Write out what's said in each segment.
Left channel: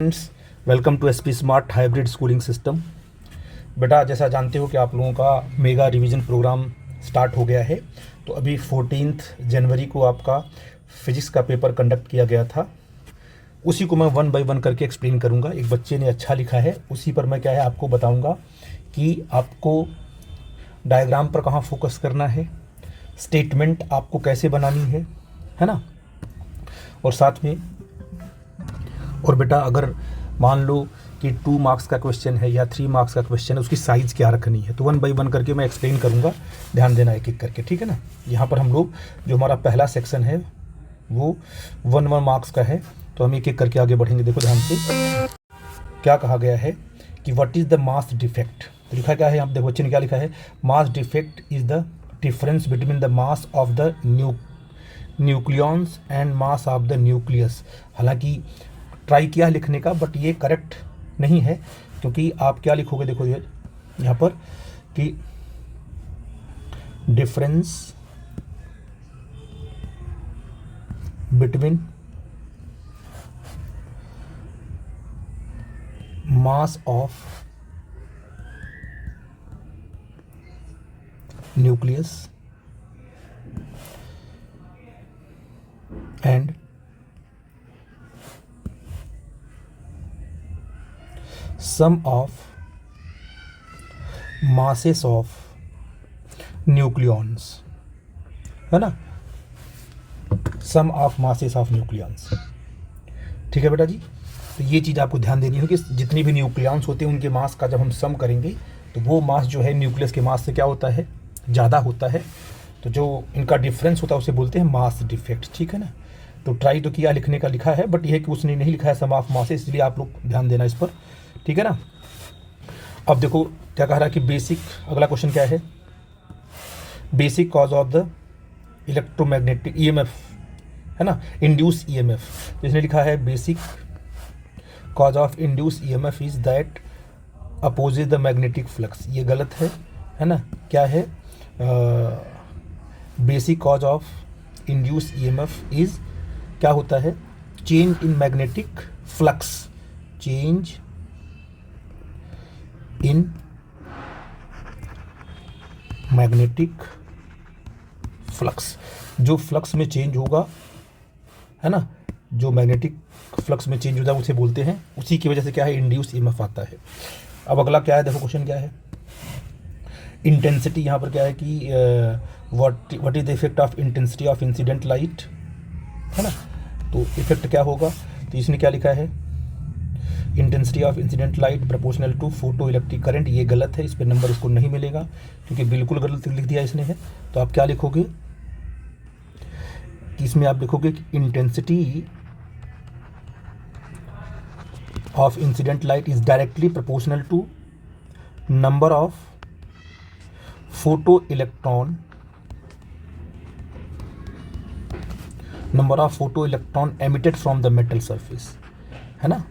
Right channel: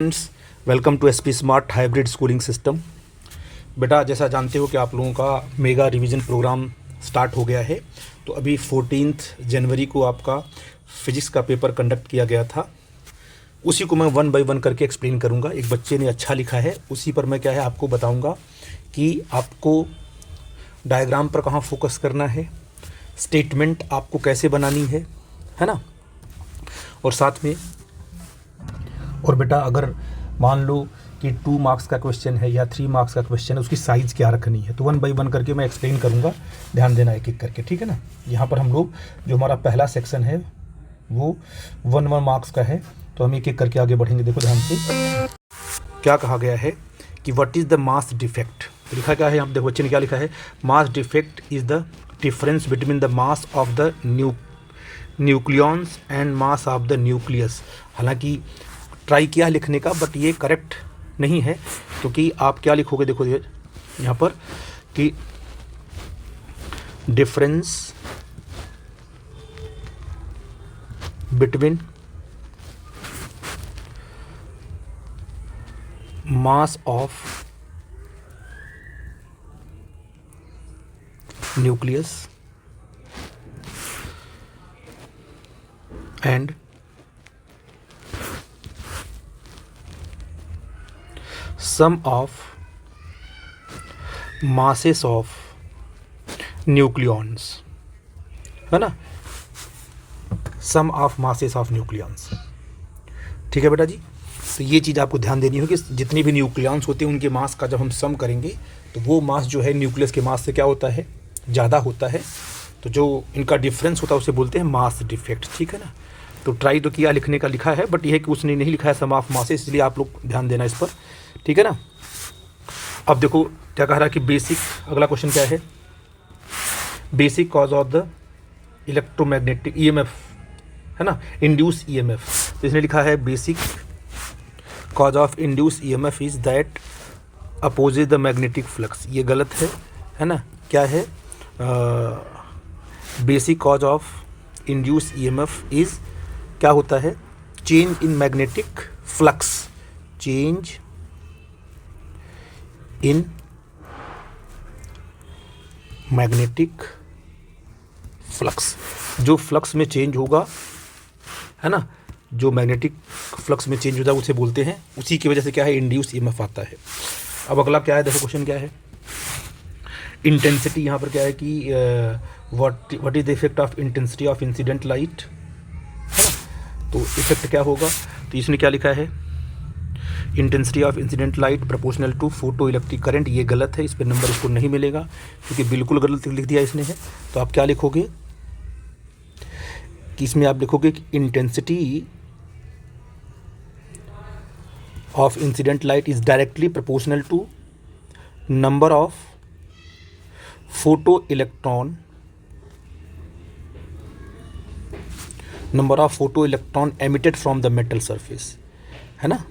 Friends, welcome to SP smart hybrid schooling system. बेटा, जैसा जानते हो कि आप लोगों का मेगा रिवीजन प्रोग्राम स्टार्ट हो गया है। तो अभी 14 जनवरी को आपका फिजिक्स का पेपर कंडक्ट किया गया था। उसी को मैं वन बाय वन करके एक्सप्लेन करूंगा। एक बच्चे ने अच्छा लिखा है, उसी पर मैं क्या है आपको बताऊंगा कि आपको डायग्राम पर कहाँ फोकस करना है, स्टेटमेंट आपको कैसे बनानी है ना। और साथ में और बेटा, अगर मान लो कि 2 मार्क्स का क्वेश्चन है या 3 मार्क्स का क्वेश्चन है, उसकी साइज़ क्या रखनी है, तो वन बाय वन करके मैं एक्सप्लेन करूंगा। ध्यान देना एक एक करके, ठीक है ना। यहाँ पर हम लोग जो हमारा पहला सेक्शन है वो 1 मार्क्स का है, तो हम एक एक करके आगे बढ़ेंगे। देखो ध्यान से क्या कहा गया है कि what is the mass defect. तो लिखा क्या है, आप देखो बच्चे ने क्या लिखा है, mass defect is the difference between the mass of the nucleons and mass of the nucleus. हालांकि ट्राई किया लिखने का, बट ये करेक्ट नहीं है, क्योंकि आप क्या लिखोगे, देखो यहाँ पर कि difference between mass of nucleus and sum of masses of nucleons, है ना, sum of masses of nucleons. ठीक है बेटा जी। तो ये चीज़ आपको ध्यान देनी होगी, जितने भी न्यूक्लियॉन्स होते हैं उनके मास का जब हम सम करेंगे तो वो मास जो है न्यूक्लियस के मास से क्या होता है, ज़्यादा होता है। तो जो इनका डिफरेंस होता है उसे बोलते हैं मास डिफेक्ट, ठीक है ना। तो ट्राई तो किया लिखने का, लिखा है, बट यह कि उसने नहीं लिखा है सम ऑफ मासेस, इसलिए आप लोग ध्यान देना इस पर, ठीक है ना। अब देखो क्या कह रहा है कि बेसिक, अगला क्वेश्चन क्या है, basic cause of the electromagnetic EMF, है ना, इंड्यूस ईएमएफ। तो इसने लिखा है basic cause of induce EMF is that opposes the magnetic flux. ये गलत है ना। क्या है, basic cause of induce EMF is, क्या होता है, change in magnetic flux, change in magnetic flux. जो फ्लक्स में चेंज होगा, है ना, जो मैग्नेटिक फ्लक्स में चेंज होता है उसे बोलते हैं, उसी की वजह से क्या है, इंड्यूस ईएमएफ आता है। अब अगला क्या है, देखो क्वेश्चन क्या है, इंटेंसिटी। यहाँ पर क्या है कि what is the effect of intensity of incident light, है ना। तो इफेक्ट क्या होगा, तो इसने क्या लिखा है, intensity of incident light proportional to photo electric current. ये गलत है, इस पर नंबर इसको नहीं मिलेगा, क्योंकि बिल्कुल गलत लिख दिया इसने है। तो आप क्या लिखोगे कि इसमें आप लिखोगे कि intensity of incident light is directly proportional to number of photo electron emitted from the metal surface, है ना,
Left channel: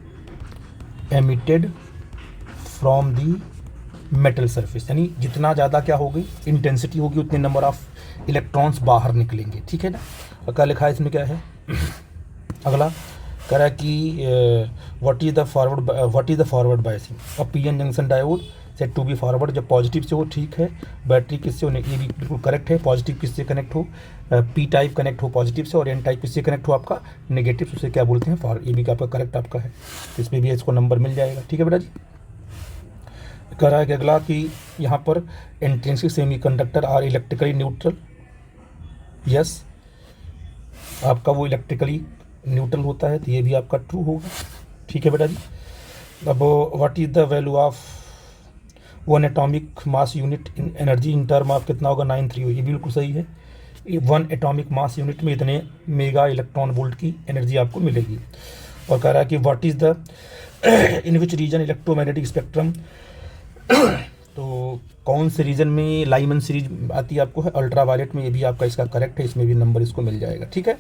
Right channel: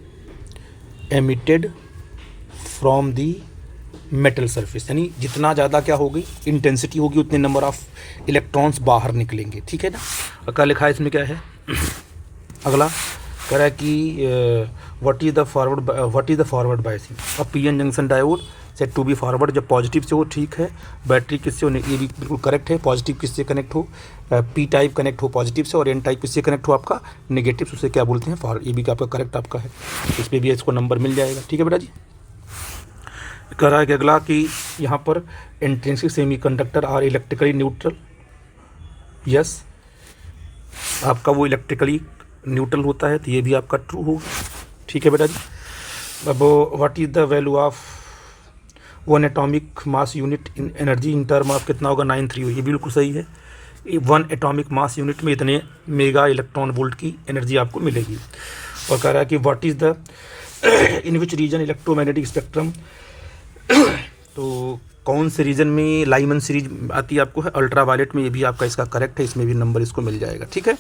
emitted from the metal surface. यानी जितना ज़्यादा क्या होगी इंटेंसिटी होगी, उतने नंबर ऑफ इलेक्ट्रॉन्स बाहर निकलेंगे, ठीक है ना। क्या लिखा है इसमें, क्या है अगला, कह रहा है कि what is the forward biasing और PN junction diode set to be forward. जब पॉजिटिव से हो, ठीक है, बैटरी किससे हो, ये भी बिल्कुल करेक्ट है, पॉजिटिव किससे कनेक्ट हो, पी टाइप कनेक्ट हो पॉजिटिव से, और एन टाइप किससे कनेक्ट हो आपका नेगेटिव, उसे क्या बोलते हैं फॉरवर्ड। ये भी आपका करेक्ट आपका है, इसमें भी इसको नंबर मिल जाएगा, ठीक है बेटा जी। कह रहा है कि अगला कि यहाँ पर intrinsic semiconductor are electrically neutral. Yes, आपका वो इलेक्ट्रिकली न्यूट्रल होता है, तो ये भी आपका ट्रू होगा, ठीक है बेटा जी। अब what is the value of 1 atomic mass unit in energy in term of, कितना होगा, 93। ये बिल्कुल सही है, 1 एटॉमिक मास यूनिट में इतने मेगा इलेक्ट्रॉन वोल्ट की एनर्जी आपको मिलेगी। और कह रहा है कि what is the in which region electromagnetic spectrum, तो कौन से रीजन में लाइमन सीरीज आती है आपको, है अल्ट्रा वायलेट में। ये भी आपका इसका करेक्ट है, इसमें भी नंबर इसको मिल जाएगा, ठीक है।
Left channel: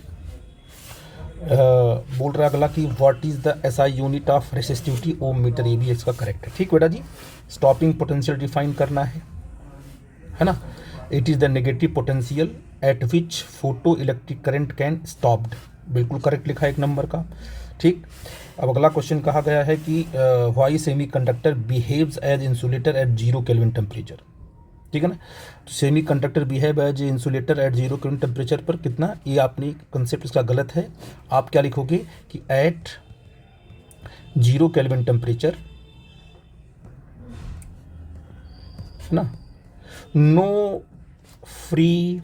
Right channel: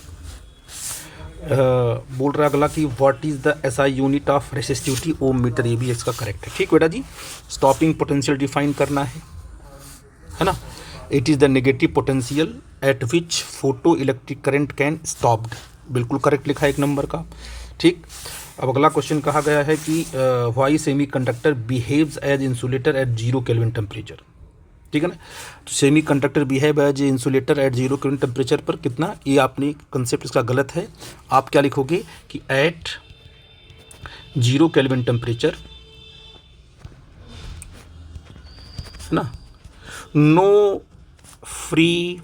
बोल रहा अगला कि what is the SI unit of resistivity, ohm meter. ये भी इसका करेक्ट है, ठीक बेटा जी। स्टॉपिंग पोटेंशियल डिफाइन करना है ना। It is the negative potential at which photo electric current can stopped, बिल्कुल करेक्ट लिखा है एक नंबर का, ठीक। अब अगला क्वेश्चन कहा गया है कि why semiconductor behaves as insulator at 0 kelvin temperature. ठीक है ना, तो semiconductor behave as insulator at 0 kelvin temperature पर कितना, ये आपने कंसेप्ट इसका गलत है। आप क्या लिखोगे कि एट 0 केल्विन टेम्परेचर, है ना, no free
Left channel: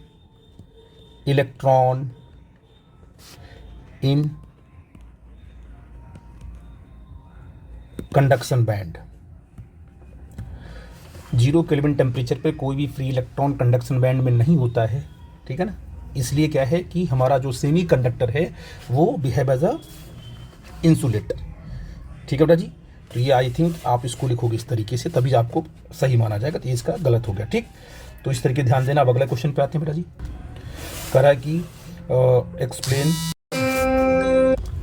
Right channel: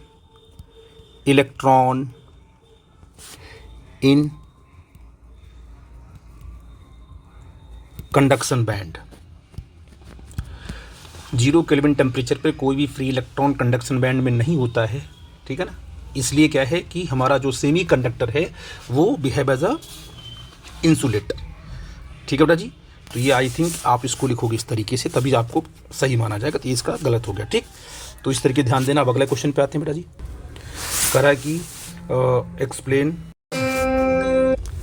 electron in conduction band. 0 kelvin temperature पे कोई भी फ्री इलेक्ट्रॉन कंडक्शन बैंड में नहीं होता है। ठीक है ना, इसलिए क्या है कि हमारा जो सेमी कंडक्टर है वो बिहेव एज अ इंसुलेटर। ठीक है बेटा जी, तो ये आई थिंक आप इसको लिखोगे इस तरीके से, तभी आपको सही माना जाएगा। तो इसका गलत हो गया। ठीक, तो इस तरीके ध्यान देना। अब अगले क्वेश्चन पे आते हैं बेटा जी। कह रहा है कि एक्सप्लेन,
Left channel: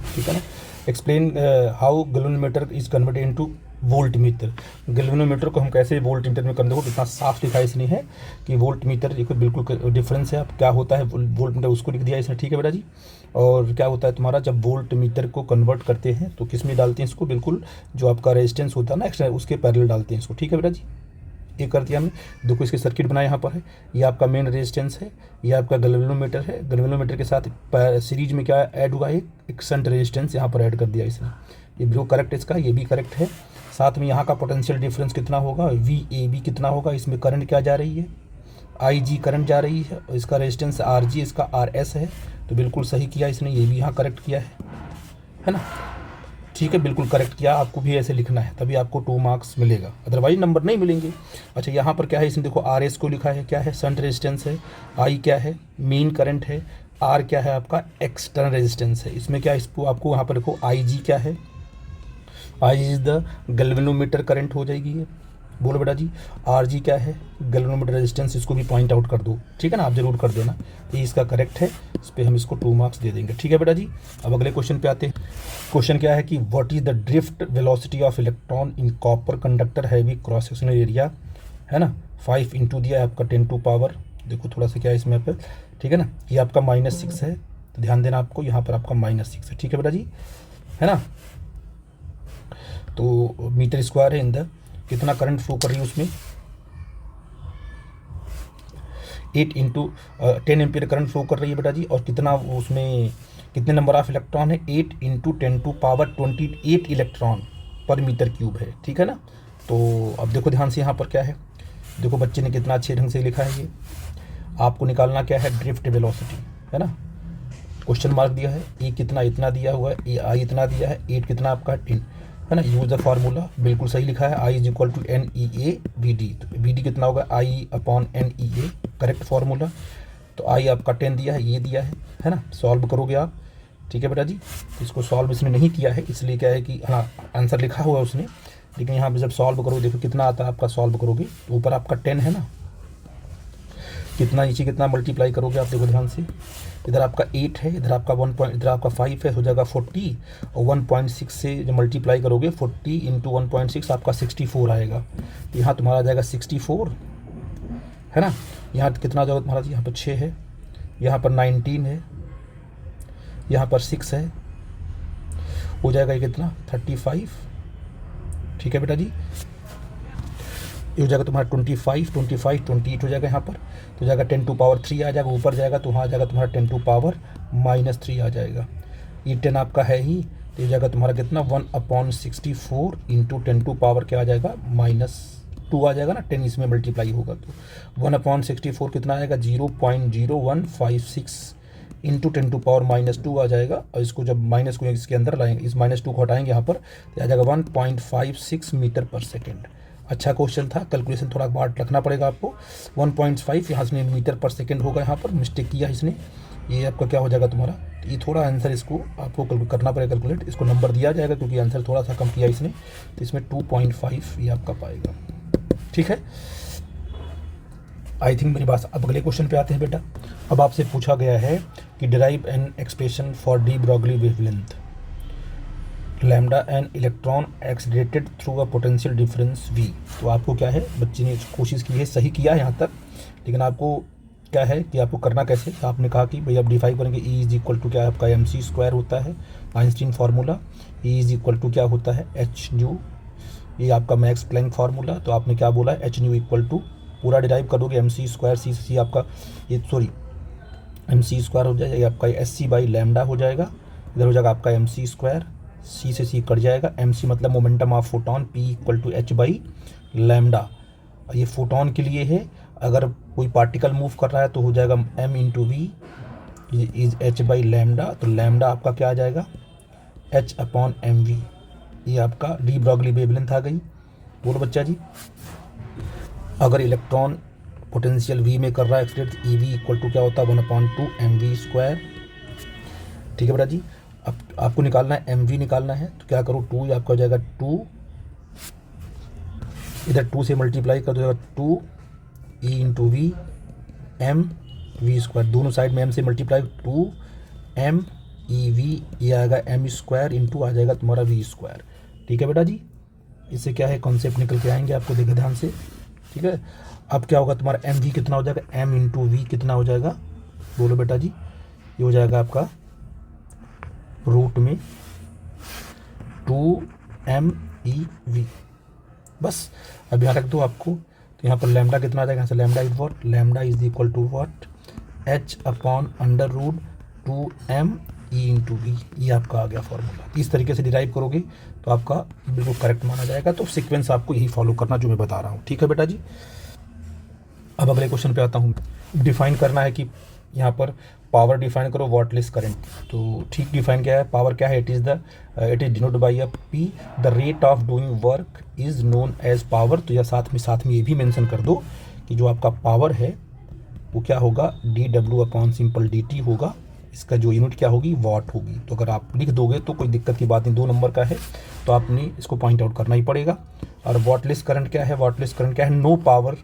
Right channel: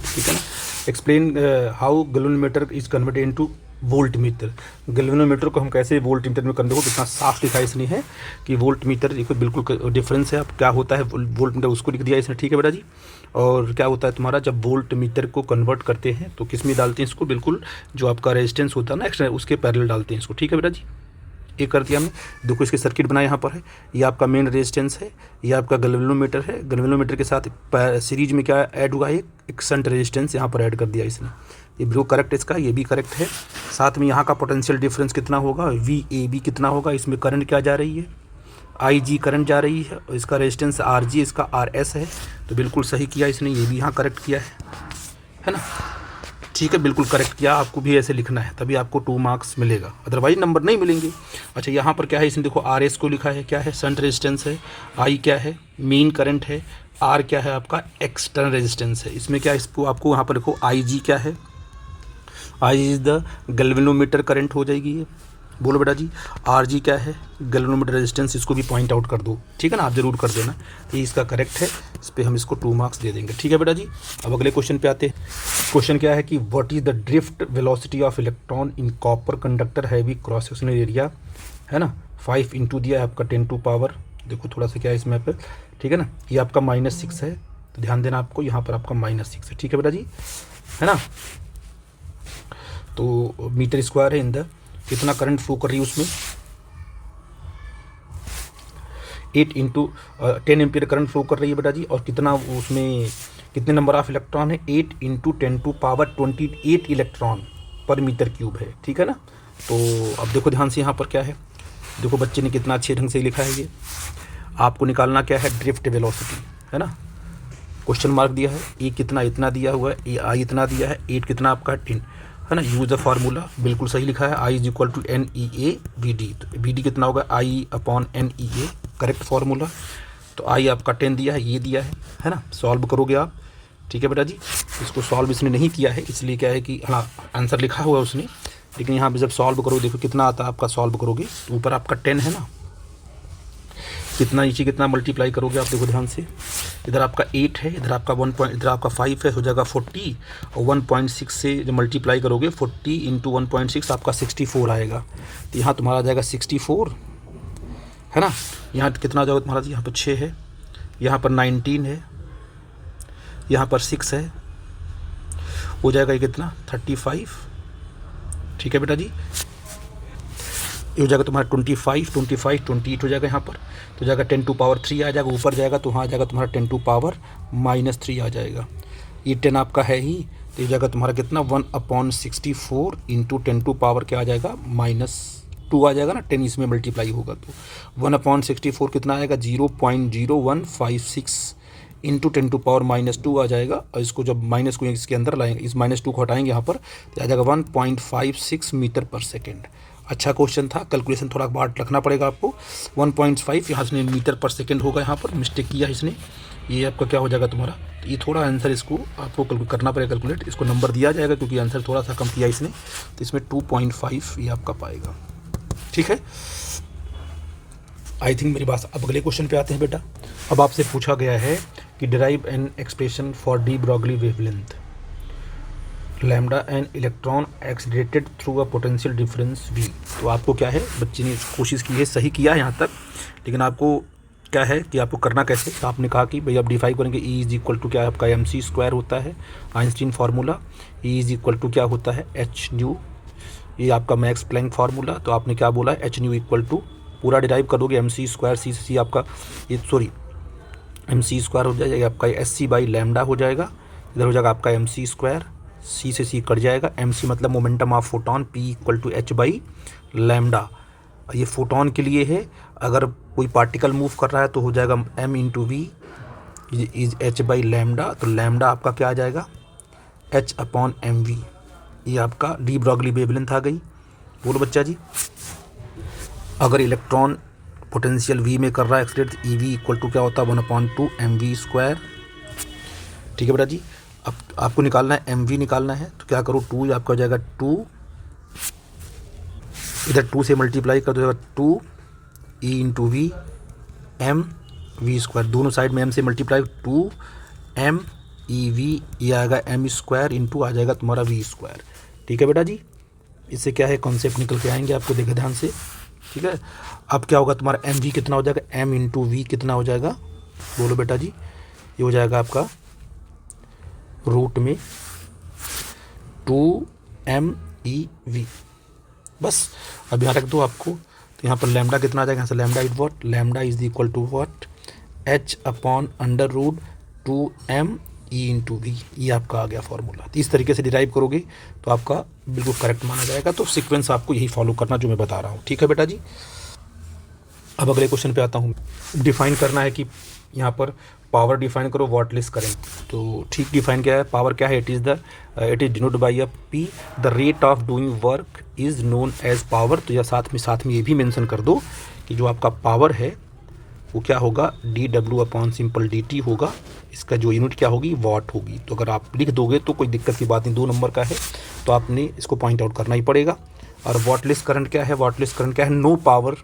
ठीक है ना, explain how galvanometer is converted into volt meter. Galvanometer को हम कैसे वोल्ट मीटर में कन्वर्ट हो, इतना साफ लिखा है इसने है कि वोल्ट मीटर एक बिल्कुल डिफरेंस है। अब क्या होता है वोल्ट मीटर, उसको लिख दिया इसने। ठीक है बेटा जी, और क्या होता है तुम्हारा, जब वोल्ट मीटर को कन्वर्ट करते हैं तो किस में डालते हैं इसको, बिल्कुल जो आपका रेजिस्टेंस होता है ना एक्स्ट्रा, उसके पैरेलल डालते हैं इसको। ठीक है बेटा जी, ये कर दिया हमने। देखो इसके सर्किट बनाया यहाँ पर है, ये आपका मेन रेजिस्टेंस है, ये आपका गैल्वेनोमीटर है। गैल्वेनोमीटर के साथ सीरीज में क्या ऐड हुआ, एक शंट रेजिस्टेंस यहाँ पर ऐड कर दिया इसने। ये भी करेक्ट है इसका, ये भी करेक्ट है। साथ में यहाँ का पोटेंशियल डिफरेंस कितना होगा, VAB कितना होगा, इसमें करंट क्या जा रही है, IG करंट जा रही है, और इसका रेजिस्टेंस RG, इसका RS है। तो बिल्कुल सही किया इसने, ये भी यहाँ करेक्ट किया है ना। ठीक है, बिल्कुल करेक्ट किया। आपको भी ऐसे लिखना है, तभी आपको 2 मार्क्स मिलेगा, अदरवाइज नंबर नहीं मिलेंगे। अच्छा, यहाँ पर क्या है, इसने देखो RS को लिखा है, क्या है, शंट रेजिस्टेंस है। I क्या है, मेन करंट है। R क्या है, आपका एक्सटर्नल रेजिस्टेंस है। इसमें क्या है, इसको आपको यहाँ पर देखो IG क्या है, I is the galvanometer current हो जाएगी ये। बोलो बेटा जी, RG क्या है, गैल्वेनोमीटर रेजिस्टेंस, इसको भी पॉइंट आउट कर दो। ठीक है ना, आप जरूर कर देना, ये इसका करेक्ट है। इस पर हम इसको 2 मार्क्स दे देंगे। ठीक है बेटा जी, अब अगले क्वेश्चन पे आते हैं। क्वेश्चन क्या है कि what is the drift velocity of electron in copper conductor heavy cross sectional area, है ना, 5 इंटू दिया है आपका 10 टू पावर, देखो थोड़ा सा क्या है इसमें पे। ठीक है ना, ये आपका -6 है, तो ध्यान देना आपको, यहाँ पर आपका -6 है। ठीक है बेटा जी, है ना, तो मीटर स्क्वायर है। इन द कितना करंट फ्लो कर रही है उसमें, 8 इंटू 10 एम्पियर करंट फ्लो कर रही है बेटा जी। और कितना उसमें कितने नंबर ऑफ इलेक्ट्रॉन है, 8 इंटू 10 टू पावर 28 इलेक्ट्रॉन पर मीटर क्यूब है। ठीक है ना, तो अब देखो ध्यान से यहाँ पर क्या है, देखो बच्चे ने कितना अच्छे ढंग से लिखा है। ये आपको निकालना क्या है, ड्रिफ्ट वेलोसिटी, है ना, क्वेश्चन मार्क दिया है, E कितना इतना दिया हुआ है, I इतना दिया है, 8 कितना आपका 10, है ना। यूज द फार्मूला, बिल्कुल सही लिखा है, I is equal to NEA VD। तो VD कितना होगा, I/NEA, करेक्ट फार्मूला। तो I आपका 10 दिया है, ये दिया है ना। सॉल्व करोगे आप। ठीक है बेटा जी, इसको सॉल्व इसने नहीं किया है, इसलिए क्या है कि हाँ आंसर लिखा हुआ उसने, लेकिन यहाँ पे जब सॉल्व करोगे देखो कितना आता है आपका, सॉल्व करोगे तो ऊपर आपका 10 है ना, कितना नीचे कितना मल्टीप्लाई करोगे आप, देखो ध्यान से, इधर आपका 8 है, इधर आपका 1 पॉइंट, इधर आपका 5 है, हो जाएगा 40, और 1.6 से जब मल्टीप्लाई करोगे 40 इंटू 1.6 आपका 64 आएगा। तो यहाँ तुम्हारा आ जाएगा 64, है ना। यहाँ कितना जाओगे तुम्हारा, यहाँ पर 6 है, यहाँ पर 19 है, यहाँ पर 6 है, हो जाएगा ये कितना 35। ठीक है बेटा जी, ये हो जाएगा तुम्हारा 25, 28 हो जाएगा यहाँ पर, तो जाएगा 10 टू पावर 3 आ जाएगा, ऊपर जाएगा तो वहाँ आ जाएगा तुम्हारा 10 टू पावर -3 आ जाएगा। ये 10 आपका है ही, तो ये जाएगा तुम्हारा कितना 1/64 इंटू 10 टू पावर क्या आ जाएगा -2 आ जाएगा ना, 10 इसमें मल्टीप्लाई होगा तो 1/64 कितना आएगा 0.0156 इंटू 10 टू पावर -2 आ जाएगा। और इसको जब माइनस को इसके अंदर लाएंगे, इस -2 को हटाएंगे यहाँ पर, तो आ जाएगा 1.56 मीटर पर सेकेंड। अच्छा क्वेश्चन था, कैलकुलेशन थोड़ा बात रखना पड़ेगा आपको। 1.5 यहाँ से मीटर पर सेकेंड होगा, यहाँ पर मिस्टेक किया इसने, ये आपका क्या हो जाएगा तुम्हारा, तो ये थोड़ा आंसर इसको आपको करना पड़ेगा कैलकुलेट, इसको नंबर दिया जाएगा क्योंकि आंसर थोड़ा सा कम किया इसने, तो इसमें 2.5 ये आपका पाएगा। ठीक है, आई थिंक मेरी बात। अब अगले क्वेश्चन पे आते हैं बेटा। अब आपसे पूछा गया है कि derive an expression for de Broglie wavelength lambda an electron accelerated through a potential difference V। तो आपको क्या है, बच्चे ने कोशिश की है, सही किया है यहाँ तक, लेकिन आपको क्या है कि आपको करना कैसे, तो आपने कहा कि भाई आप डिफाइन करेंगे ई इज इक्वल टू क्या है आपका mc² होता है Einstein formula, E is equal to क्या होता है एच न्यू, ये आपका मैक्स प्लैंक फार्मूला। तो आपने क्या बोला एच न्यू इक्वल टू पूरा डिराइव करोगे mc² सी आपका ये सॉरी mc² हो जाएगा आपका sc/λ हो जाएगा, इधर हो जाएगा आपका mc², सी से सी कट जाएगा, mc मतलब momentum of photon, p equal to h/λ। ये फोटोन के लिए है, अगर कोई पार्टिकल मूव कर रहा है तो हो जाएगा m into we is h/λ। तो लैम्डा आपका क्या आ जाएगा h/mv, ये आपका डी ब्रॉगली वेवलेंथ आ गई। बोलो बच्चा जी, अगर इलेक्ट्रॉन पोटेंशियल v में कर रहा है एक्सलेट, ई वी इक्वल टू क्या होता है 1/2 mv²। ठीक है बेटा जी, अब आपको निकालना है mv निकालना है, तो क्या करो 2 आपका हो जाएगा 2, इधर 2 से मल्टीप्लाई कर दो 2 ई इंटू वी एम v², दोनों साइड में m से मल्टीप्लाई 2 m ई वी, ये आएगा m² इंटू आ जाएगा तुम्हारा v²। ठीक है बेटा जी, इससे क्या है कॉन्सेप्ट निकल के आएंगे आपको, देखे ध्यान से। ठीक है, अब क्या होगा तुम्हारा mv कितना हो जाएगा, m इंटू वी कितना हो जाएगा, बोलो बेटा जी, ये हो जाएगा आपका रूट में 2mev। बस अब यहाँ रख दो आपको, तो यहाँ पर लैम्डा कितना आ जाएगा, यहाँ से lambda is what, lambda is equal to what h/√2m e into V, ये आपका आ गया फॉर्मूला। इस तरीके से डिराइव करोगे तो आपका बिल्कुल करेक्ट माना जाएगा। तो सीक्वेंस आपको यही फॉलो करना जो मैं बता रहा हूँ। ठीक है बेटा जी, अब अगले क्वेश्चन पे आता हूँ। डिफाइन करना है कि यहाँ पर पावर डिफाइन करो वाटलेस करंट। तो ठीक डिफाइन क्या है, पावर क्या है, it is denote by a P, the rate of doing work is known as power. तो या साथ में ये भी मेंशन कर दो कि जो आपका पावर है वो क्या होगा, dW/dt होगा, इसका जो यूनिट क्या होगी वाट होगी। तो अगर आप लिख दोगे तो कोई दिक्कत की बात नहीं, 2 नंबर का है तो आपने इसको पॉइंट आउट करना ही पड़ेगा। और वाटलेस करंट क्या है, वाटलेस करंट क्या है, no power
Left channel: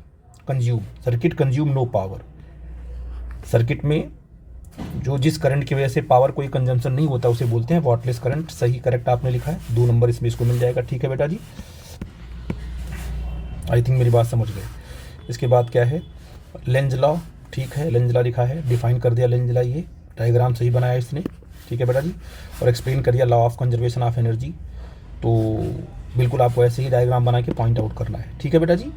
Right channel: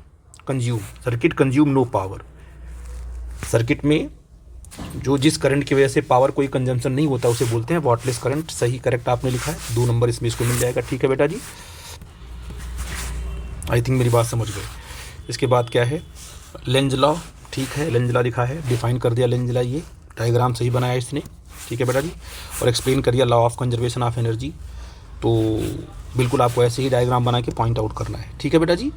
consume, circuit consume no power. Circuit में जो जिस करंट की वजह से पावर कोई कंजम्पशन नहीं होता उसे बोलते हैं वाटलेस करंट। सही करेक्ट आपने लिखा है, 2 नंबर इसमें इसको मिल जाएगा। ठीक है बेटा जी, आई थिंक मेरी बात समझ गए। इसके बाद क्या है, लेंज लॉ। ठीक है, लेंज लॉ लिखा है, डिफाइन कर दिया लेंज लॉ, ये डायग्राम सही बनाया इसने। ठीक है बेटा जी, और एक्सप्लेन कर दिया law of conservation of energy. तो बिल्कुल आपको ऐसे ही डायग्राम बना के पॉइंट आउट करना है। ठीक है बेटा जी,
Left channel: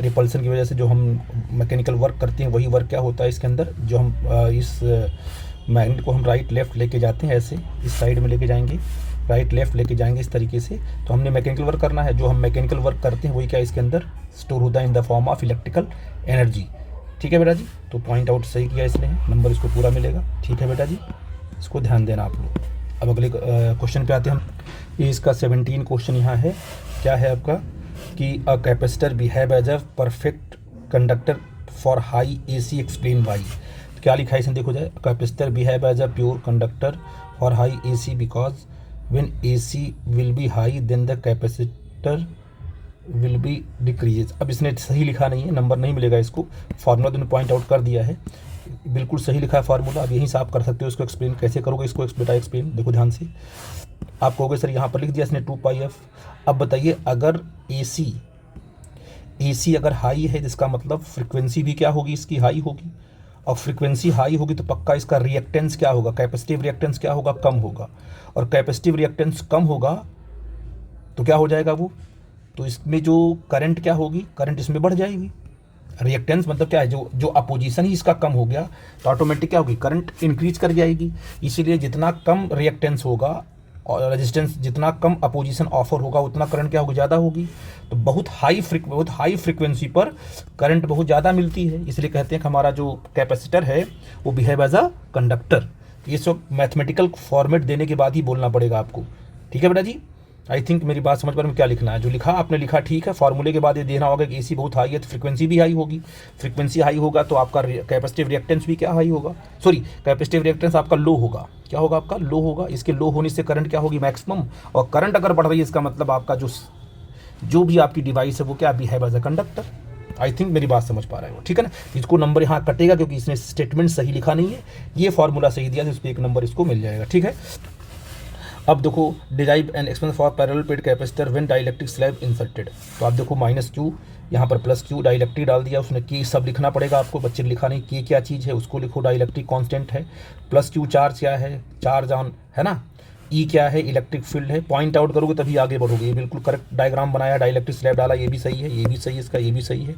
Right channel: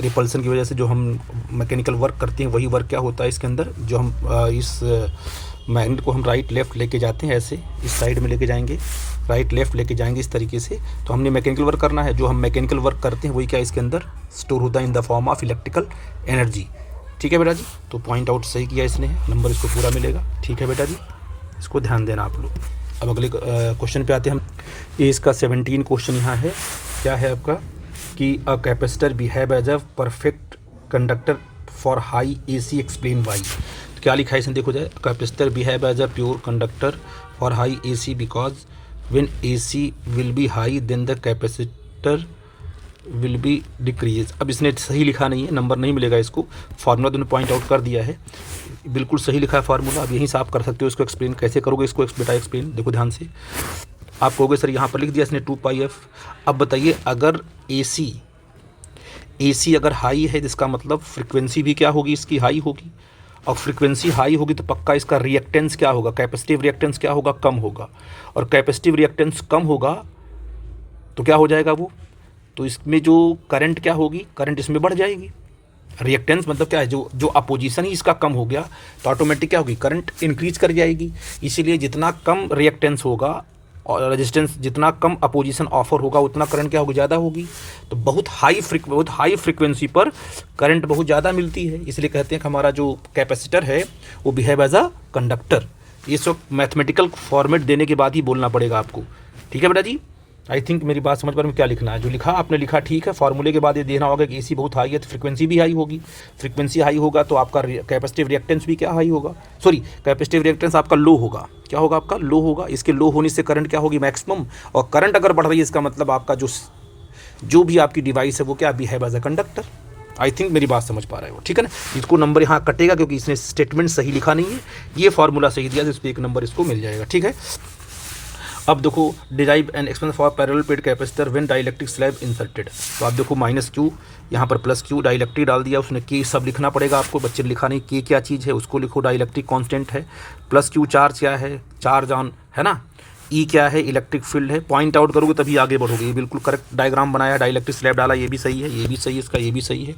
रिपल्सन की वजह से जो हम मैकेनिकल वर्क करते हैं वही वर्क क्या होता है इसके अंदर, जो हम इस मैग्नेट को हम राइट लेफ्ट लेके जाते हैं, ऐसे इस साइड में लेके जाएंगे, राइट लेफ्ट लेके जाएंगे इस तरीके से। तो हमने मैकेनिकल वर्क करना है, जो हम मैकेनिकल वर्क करते हैं वही क्या इसके अंदर स्टोर होता है in the form of electrical energy. ठीक है बेटा जी, तो पॉइंट आउट सही किया इसने, नंबर इसको पूरा मिलेगा। ठीक है बेटा जी, इसको ध्यान देना आप लोग। अब अगले क्वेश्चन पे आते हैं हम। ये इसका 17 क्वेश्चन यहाँ है, क्या है आपका कि a capacitor behave as a perfect conductor for high AC, explain why. तो क्या लिखा है इसमें देखो जाए, capacitor behave as a pure conductor for high AC because when AC will be high then the capacitor will be decrease. अब इसने सही लिखा नहीं है, नंबर नहीं मिलेगा इसको, फार्मूला तुमने पॉइंट आउट कर दिया है, बिल्कुल सही लिखा है फार्मूला। अब यहीं से आप कर सकते हो इसको एक्सप्लेन। कैसे करोगे इसको बेटा एक्सप्लेन, देखो ध्यान से। आप कहोगे सर यहाँ पर लिख दिया इसने 2πf। अब बताइए अगर AC अगर हाई है, जिसका मतलब फ्रिक्वेंसी भी क्या होगी इसकी हाई होगी, और फ्रिक्वेंसी हाई होगी तो पक्का इसका रिएक्टेंस क्या होगा, कैपेसिटिव रिएक्टेंस क्या होगा, कम होगा। और कैपेसिटिव रिएक्टेंस कम होगा तो क्या हो जाएगा वो, तो इसमें जो करंट क्या होगी, करंट इसमें बढ़ जाएगी। रिएक्टेंस मतलब क्या है, जो अपोजिशन ही इसका कम हो गया तो ऑटोमेटिक क्या होगी, करंट इंक्रीज कर जाएगी। इसीलिए जितना कम रिएक्टेंस होगा और रेजिस्टेंस, जितना कम अपोजिशन ऑफर होगा उतना करंट क्या होगी, ज़्यादा होगी। तो बहुत हाई फ्रिक्वेंसी पर करंट बहुत ज़्यादा मिलती है, इसलिए कहते हैं कि हमारा जो कैपेसिटर है वो बिहेव एज अ कंडक्टर। ये सब मैथमेटिकल फॉर्मेट देने के बाद ही बोलना पड़ेगा आपको। ठीक है बेटा जी, आई थिंक मेरी बात समझ पा रहे हैं क्या लिखना है। जो लिखा आपने लिखा ठीक है, फार्मूले के बाद ये देना होगा कि AC बहुत हाई है तो फ्रिक्वेंसी भी हाई होगी, फ्रिक्वेंसी हाई होगा तो आपका कैपेसिटिव रिएक्टेंस भी क्या हाई होगा, सॉरी कैपेसिटिव रिएक्टेंस आपका लो होगा। क्या होगा आपका, लो होगा। इसके लो होने से करंट क्या होगी, मैक्सिमम। और करंट अगर बढ़ रही है इसका मतलब आपका जो भी आपकी डिवाइस है वो क्या behave as a conductor. I think मेरी बात समझ पा रहे हो, ठीक है ना। इसको नंबर यहाँ कटेगा क्योंकि इसने स्टेटमेंट सही लिखा नहीं है, ये फार्मूला सही दिया तो इस पर 1 नंबर इसको मिल जाएगा। ठीक है, अब देखो derive an expense for parallel plate capacitor when dielectric slab inserted. तो आप देखो माइनस क्यू, यहाँ पर प्लस क्यू, डाइलेक्ट्रिक डाल दिया उसने, के सब लिखना पड़ेगा आपको, बच्चे ने लिखा नहीं के क्या चीज़ है उसको लिखो, डाइलेक्ट्रिक कांस्टेंट है, प्लस क्यू चार्ज क्या है, चार्ज ऑन है ना, ई क्या है, इलेक्ट्रिक फील्ड है, पॉइंट आउट करोगे तभी आगे बढ़ोगे। ये बिल्कुल करेक्ट डायग्राम बनाया, डाइलेक्ट्रिक स्लैब डाला, ये भी सही है, ये भी सही है, इसका ये भी सही है,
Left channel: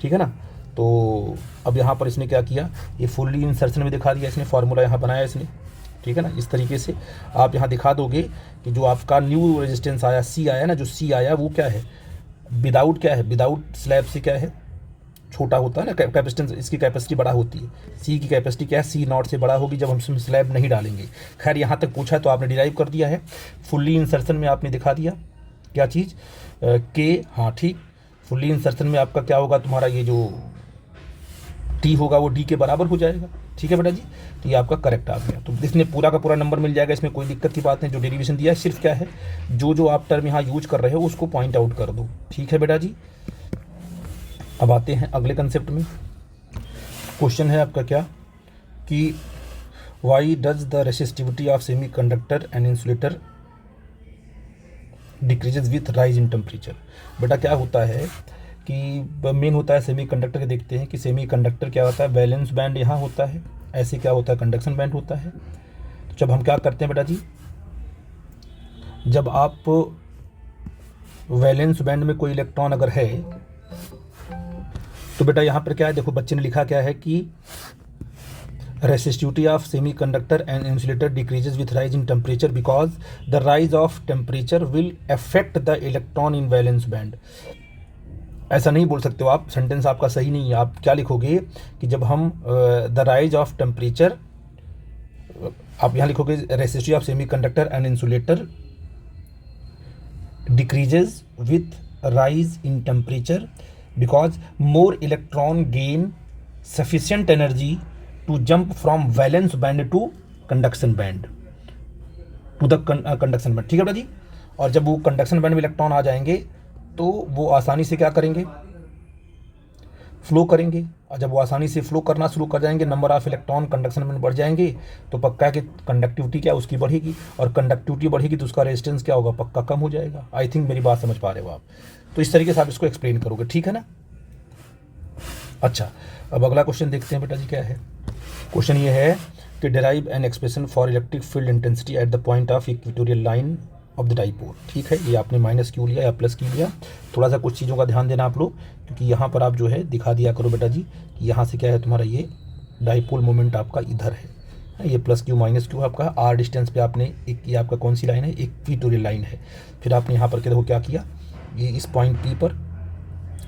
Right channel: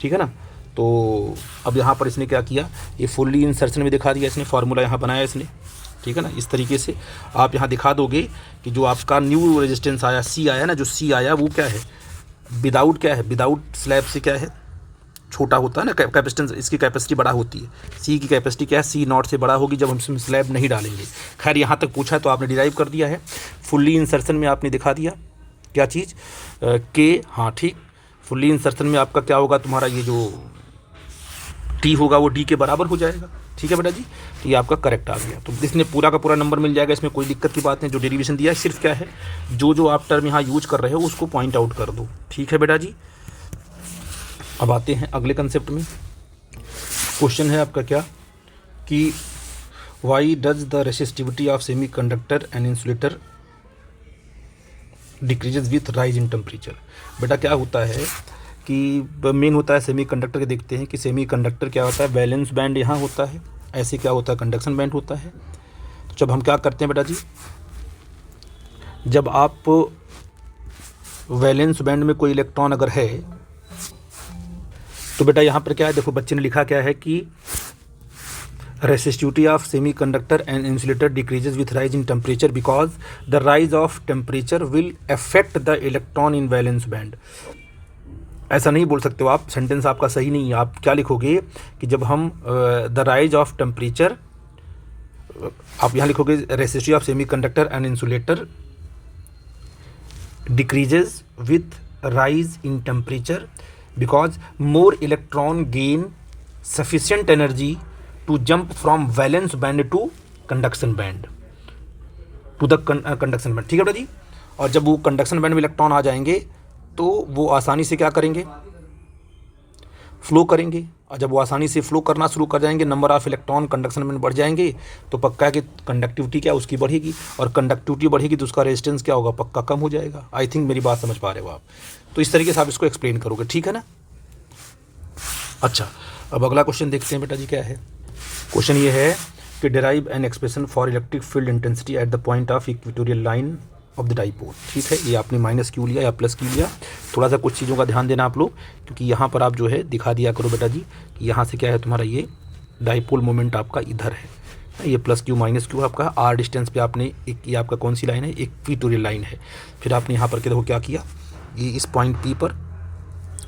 ठीक है ना। तो अब यहाँ पर इसने क्या किया, ये फुल्ली इंसर्शन में दिखा दिया इसने, फार्मूला यहाँ बनाया इसने, ठीक है ना। इस तरीके से आप यहाँ दिखा दोगे कि जो आपका न्यू रेजिस्टेंस आया सी आया ना, जो सी आया वो क्या है, विदाउट क्या है, विदाउट स्लैब से क्या है, छोटा होता है ना कैपेसिटेंस, इसकी कैपेसिटी बड़ा होती है, सी की कैपेसिटी क्या है, सी नॉट से बड़ा होगी जब हम इसमें स्लैब नहीं डालेंगे। खैर यहाँ तक पूछा तो आपने डिराइव कर दिया है, फुल्ली इंसर्शन में आपने दिखा दिया क्या चीज़ के, हाँ ठीक, फुल्ली इंसर्शन में आपका क्या होगा, तुम्हारा ये जो टी होगा वो डी के बराबर हो जाएगा, ठीक है बेटा जी। तो ये आपका करेक्ट आ गया, तो इसमें पूरा का पूरा नंबर मिल जाएगा, इसमें कोई दिक्कत की बात नहीं। जो डेरिवेशन दिया है सिर्फ क्या है, जो आप टर्म यहाँ यूज कर रहे हो उसको पॉइंट आउट कर दो, ठीक है बेटा जी। अब आते हैं अगले कंसेप्ट में। क्वेश्चन है आपका क्या कि why does the resistivity of semiconductor and insulator decreases with rise in temperature. बेटा क्या होता है कि मेन होता है सेमी कंडक्टर के, देखते हैं कि सेमी कंडक्टर क्या होता है, बैलेंस बैंड यहाँ होता है, ऐसे क्या होता है, कंडक्शन बैंड होता है। तो जब हम क्या करते हैं बेटा जी, जब आप वैलेंस बैंड में कोई इलेक्ट्रॉन अगर है तो बेटा यहाँ पर क्या है, देखो बच्चे ने लिखा क्या है कि resistivity of semiconductor and insulator decreases with rise in temperature because the rise of temperature will affect the electron in valence band. ऐसा नहीं बोल सकते हो आप, सेंटेंस आपका सही नहीं है। आप क्या लिखोगे कि जब हम द राइज ऑफ टेम्परेचर, आप यहाँ लिखोगे resistivity of semiconductor and insulator decreases with rise in temperature because more electron gain sufficient energy to jump from valence band to conduction band, to the conduction band, ठीक है बेटा जी। और जब वो कंडक्शन बैंड में electron आ जाएंगे तो वो आसानी से क्या करेंगे, फ्लो करेंगे, और जब वो आसानी से फ्लो करना शुरू कर जाएंगे, नंबर ऑफ इलेक्ट्रॉन कंडक्शन में बढ़ जाएंगे, तो पक्का है कि कंडक्टिविटी क्या उसकी बढ़ेगी, और कंडक्टिविटी बढ़ेगी तो उसका रेजिस्टेंस क्या होगा, पक्का कम हो जाएगा। आई थिंक मेरी बात समझ पा रहे हो आप, तो इस तरीके से आप इसको एक्सप्लेन करोगे, ठीक है ना। अच्छा, अब अगला क्वेश्चन देखते हैं बेटा जी क्या है। क्वेश्चन ये है कि derive an expression for electric field intensity at the point of equatorial line of the dipole, ठीक है। ये आपने माइनस क्यू लिया या प्लस क्यू लिया, थोड़ा सा कुछ चीज़ों का ध्यान देना आप लोग, क्योंकि यहाँ पर आप जो है दिखा दिया करो बेटा जी कि यहाँ से क्या है तुम्हारा, ये डाइपोल मोमेंट आपका इधर है, ये प्लस क्यू माइनस क्यू आपका आर डिस्टेंस पे आपने एक, ये आपका कौन सी लाइन है, इक्वेटोरियल लाइन है। फिर आपने यहाँ पर देखो क्या किया, ये इस पॉइंट पी पर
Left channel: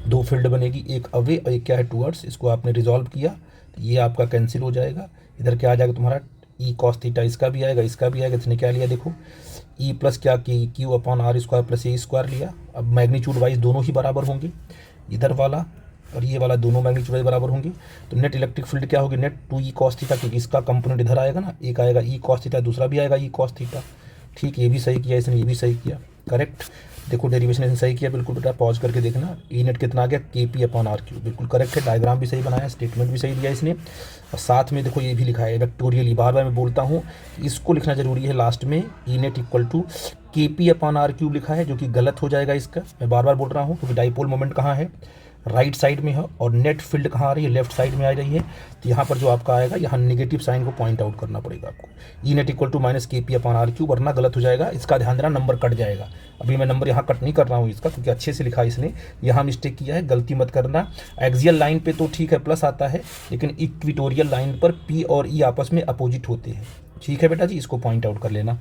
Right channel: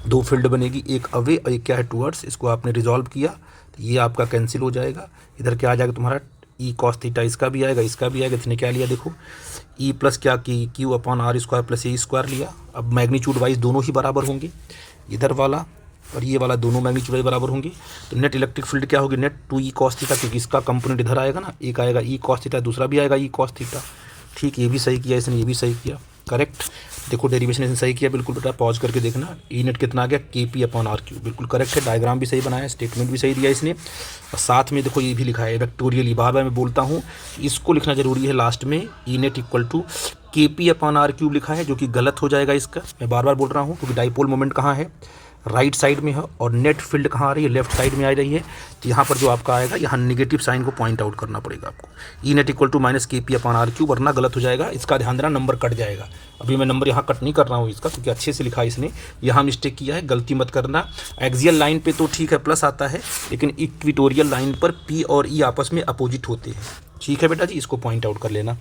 दो फील्ड बनेगी, एक अवे और एक क्या है टूवर्ड्स, इसको आपने रिजॉल्व किया, ये आपका कैंसिल हो जाएगा, इधर क्या आ जाएगा तुम्हारा ई कॉस थीटा, इसका भी आएगा इसका भी आएगा। इसने क्या लिया देखो, ई प्लस क्या की Q upon R square plus A square लिया। अब मैग्नीट्यूड वाइज दोनों ही बराबर होंगे, इधर वाला और ये वाला दोनों मैग्नीट्यूड वाइज बराबर होंगे, तो नेट इलेक्ट्रिक फील्ड क्या होगी, नेट 2 ई कॉस थीटा, क्योंकि इसका कंपोनेंट इधर आएगा ना, एक आएगा ई कॉस थीटा, दूसरा भी आएगा ई कॉस थीटा, ठीक। ये भी सही किया इसने, ये भी सही किया, करेक्ट। देखो डेरिवेशन इसने सही किया बिल्कुल बेटा, पॉज करके देखना, ई नेट कितना आ गया, के पी अपॉन आर क्यू, बिल्कुल करेक्ट है। डायग्राम भी सही बनाया, स्टेटमेंट भी सही दिया इसने, और साथ में देखो ये भी लिखा है वेक्टोरियली, बार बार मैं बोलता हूँ इसको लिखना जरूरी है लास्ट में, ई नेट इक्वल टू के पी अपॉन आर क्यूब लिखा है, जो कि गलत हो जाएगा इसका, मैं बार बार बोल रहा हूँ, क्योंकि डाइपोल मोमेंट कहाँ है, राइट साइड में है, और नेट फील्ड कहाँ आ रही है, लेफ्ट साइड में आ रही है। तो यहाँ पर जो आपका आएगा, यहाँ नेगेटिव साइन को पॉइंट आउट करना पड़ेगा आपको, E net equal to minus के पी अपॉन आर क्यूब, वरना गलत हो जाएगा, इसका ध्यान देना, नंबर कट जाएगा। अभी मैं नंबर यहाँ कट नहीं कर रहा हूँ इसका, क्योंकि अच्छे से लिखा है इसने, यहाँ मिस्टेक किया है, गलती मत करना। एक्सियल लाइन पे तो ठीक है प्लस आता है, लेकिन इक्वेटोरियल लाइन पर पी और ई आपस में अपोजिट होते हैं, ठीक है बेटा जी, इसको पॉइंट आउट कर लेना।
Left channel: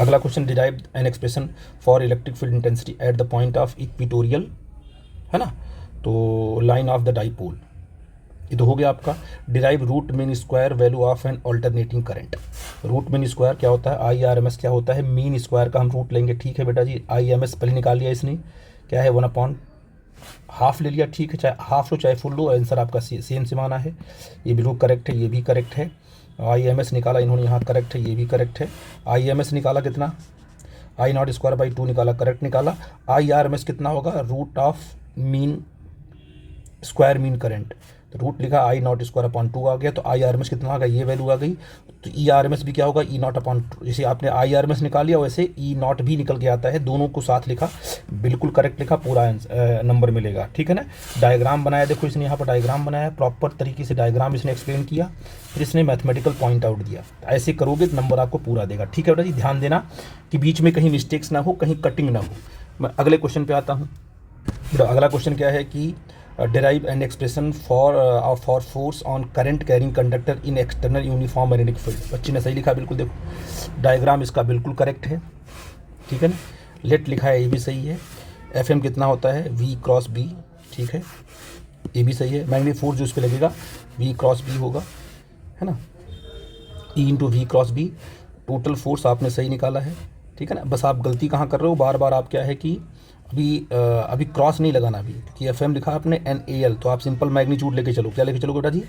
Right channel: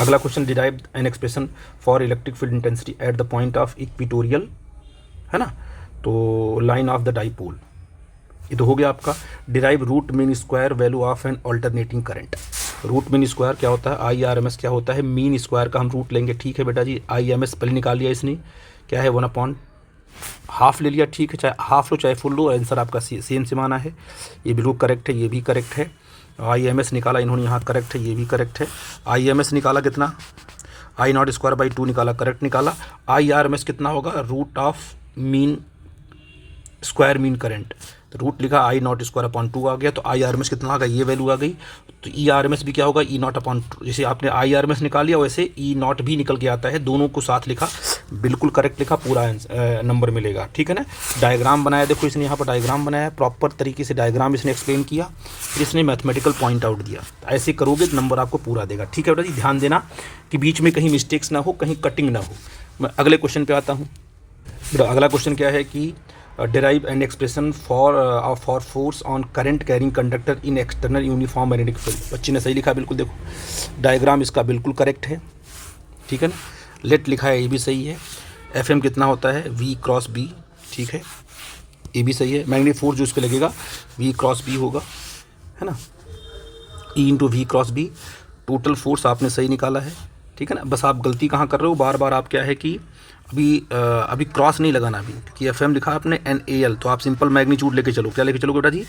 अगला question, derive an expression for electric field intensity at the point of equatorial, है ना, तो लाइन ऑफ द डाइपोल, ये तो हो गया आपका। Derive root mean square value of an alternating current. Root mean square क्या होता है, आई आर एम एस क्या होता है, मीन स्क्वायर का हम रूट लेंगे, ठीक है बेटा जी। आई एम एस पहले निकाल लिया इसने, क्या है 1/हाफ ले लिया, ठीक है, चाहे हाफ लो चाहे फुल लो, आंसर आपका सेम सिमाना है, ये बिल्कुल करेक्ट है, ये भी करेक्ट है। आई एम एस निकाला इन्होंने यहाँ, करेक्ट है, ये भी करेक्ट है। आई एम एस निकाला कितना, आई नॉट स्क्वायर बाई 2 निकाला, करेक्ट निकाला। आई आर एम एस कितना होगा, root of mean square mean current, तो रूट लिखा आई नॉट स्क्वायर अपॉन 2 आ गया, तो आई आर एम एस कितना आ गया, ये वैल्यू आ गई। तो ई आर एम एस भी क्या होगा, ई नॉट अपॉन, जैसे आपने आई आर एम एस निकाल लिया वैसे ई नॉट भी निकल के आता है, दोनों को साथ लिखा, बिल्कुल करेक्ट लिखा, पूरा नंबर मिलेगा, ठीक है ना। डायग्राम बनाया, देखो इसने यहाँ पर डायग्राम बनाया, प्रॉपर तरीके से डायग्राम इसने एक्सप्लेन किया, फिर इसने मैथमेटिकल पॉइंट आउट दिया। ऐसे करोगे तो नंबर आपको पूरा देगा, ठीक है बेटा जी। ध्यान देना कि बीच में कहीं मिस्टेक्स ना हो, कहीं कटिंग ना हो। मैं अगले क्वेश्चन पे आता हूँ। अगला क्वेश्चन क्या है कि derive an expression for force on current carrying conductor in external uniform magnetic field। बच्ची ने सही लिखा, बिल्कुल देखो डायग्राम इसका बिल्कुल करेक्ट है, ठीक है ना। लेट लिखा है, ये भी सही है। एफ एम कितना होता है, वी क्रॉस बी, ठीक है, ये भी सही है। मैग्नेटिक फोर्स जो इस पर लगेगा वी क्रॉस बी होगा, है ना, E into V cross B. Total force आपने सही निकाला है, ठीक है ना। बस आप गलती कहाँ कर रहे हो, बार बार आप क्या है कि अभी क्रॉस नहीं लगाना, अभी क्योंकि एफ एम लिखा आपने एन ए एल, तो आप सिंपल मैग्नीट्यूड लेके चलो। क्या लेके चलोगे बेटा जी,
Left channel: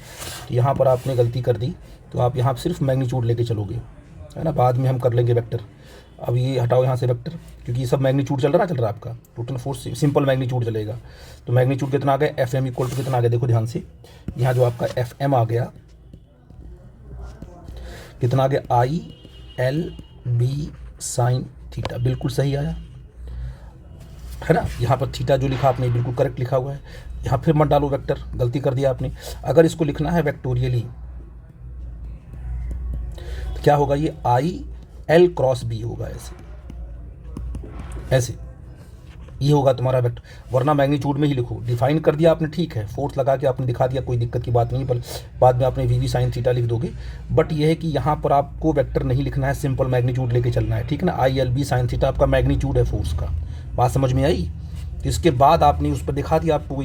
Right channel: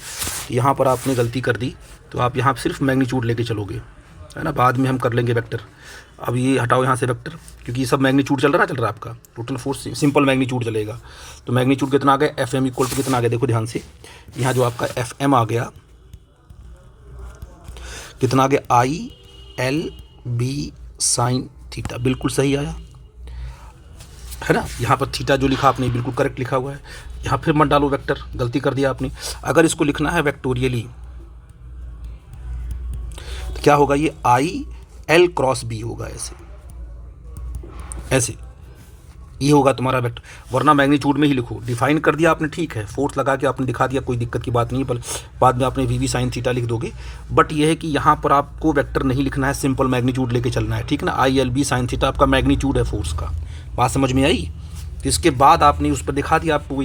यहाँ पर आपने गलती कर दी, तो आप यहाँ सिर्फ मैग्नीट्यूड लेके चलोगे, है ना, बाद में हम कर लेंगे वेक्टर। अब ये हटाओ यहाँ से वेक्टर, क्योंकि ये सब मैग्नीट्यूड चल रहा है आपका, टोटल फोर्स सिंपल मैग्नीट्यूड चलेगा। तो मैग्नीट्यूड कितना आ गया, एफ एम इक्वल टू कितना आ गया, देखो ध्यान से, यहाँ जो आपका एफ एम आ गया कितना आ गया, I L B sine theta, बिल्कुल सही आया, है ना। यहाँ पर थीटा जो लिखा आपने बिल्कुल करेक्ट लिखा हुआ है। यहाँ फिर मत डालो वेक्टर, गलती कर दिया आपने। अगर इसको लिखना है वेक्टोरियली तो क्या होगा, ये आई एल क्रॉस बी होगा, ऐसे ऐसे ये होगा तुम्हारा वेक्टर, वरना मैग्नीट्यूड में ही लिखो। डिफाइन कर दिया आपने, ठीक है, फोर्स लगा के आपने दिखा दिया, कोई दिक्कत की बात नहीं है, पर बाद में आपने वी वी साइन थीटा लिख दोगे। बट ये है कि यहाँ पर आपको वेक्टर नहीं लिखना है, सिंपल मैग्नीट्यूड लेके चलना है, ठीक है ना। I L B sine theta आपका मैग्नीट्यूड है फोर्स का, बात समझ में आई। इसके बाद आपने उस पर दिखा दिया आपको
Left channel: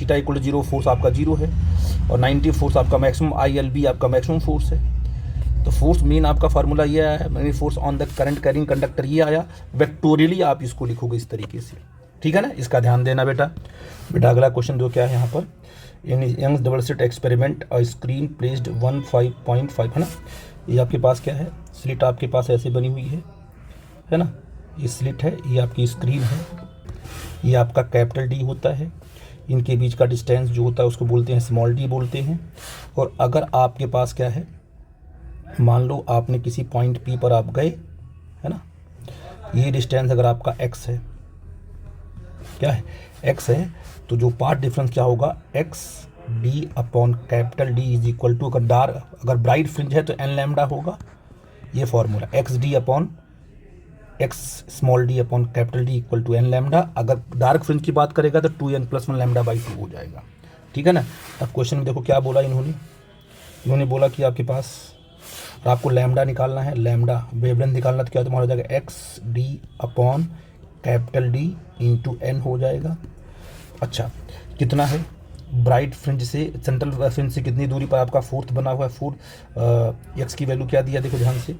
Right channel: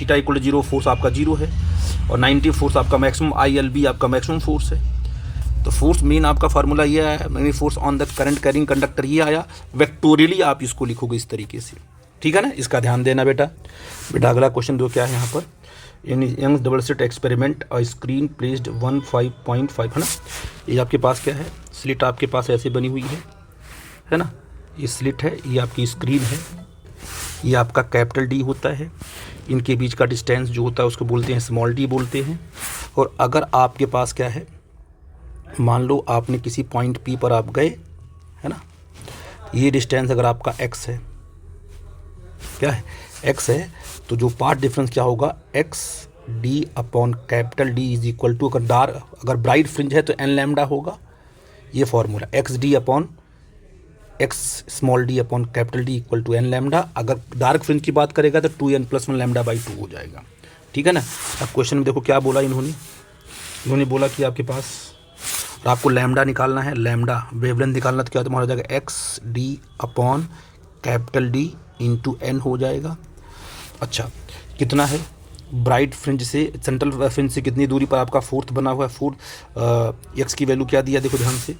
थीटा इक्वल 0, फोर्स आपका 0 है, और 90 फोर्स आपका मैक्सिमम, आई एल बी आपका मैक्सिमम फोर्स है। तो फोर्स मेन आपका फार्मूला ये आया, मैंने force on the current carrying conductor ये आया। वेक्टोरियली आप इसको लिखोगे इस तरीके से, ठीक है ना, इसका ध्यान देना बेटा। अगला क्वेश्चन दो क्या है यहाँ पर, Young's double slit experiment a screen placed 15.5, है ना। ये आपके पास क्या है, स्लिट आपके पास ऐसे बनी हुई है ना, ये स्लिट है, ये आपकी स्क्रीन है, ये आपका कैपिटल डी होता है, इनके बीच का डिस्टेंस जो होता है उसको बोलते हैं स्मॉल डी बोलते हैं। और अगर आपके पास क्या है, मान लो आपने किसी पॉइंट पी पर आप गए, है ना, ये डिस्टेंस अगर आपका एक्स है, क्या है, एक्स है, तो जो पार्ट डिफरेंस क्या होगा, X D upon capital D is equal to, अगर ब्राइट फ्रिंज है तो एन लैम्डा होगा, ये formula, X D upon X small D upon capital D equal to N lambda. अगर डार्क फ्रिंज की बात करेगा तो 2n + 1 लैम्डा बाई 2 हो जाएगा, ठीक है ना। अब क्वेश्चन में देखो क्या बोला इन्होंने बोला कि आपके पास आपको लैम्डा निकालना है, लैम्डा वेवलेंथ निकालना, तो क्या तुम्हारा हो जाएगा, X D upon capital D into N हो जाएगा। अच्छा, कितना है, ब्राइट फ्रिंज से सेंट्रल फ्रिंज से कितनी दूरी पर आपका फोर्थ बना हुआ है, फोर्थ एक्स की वैल्यू क्या दिया, देखो ध्यान से,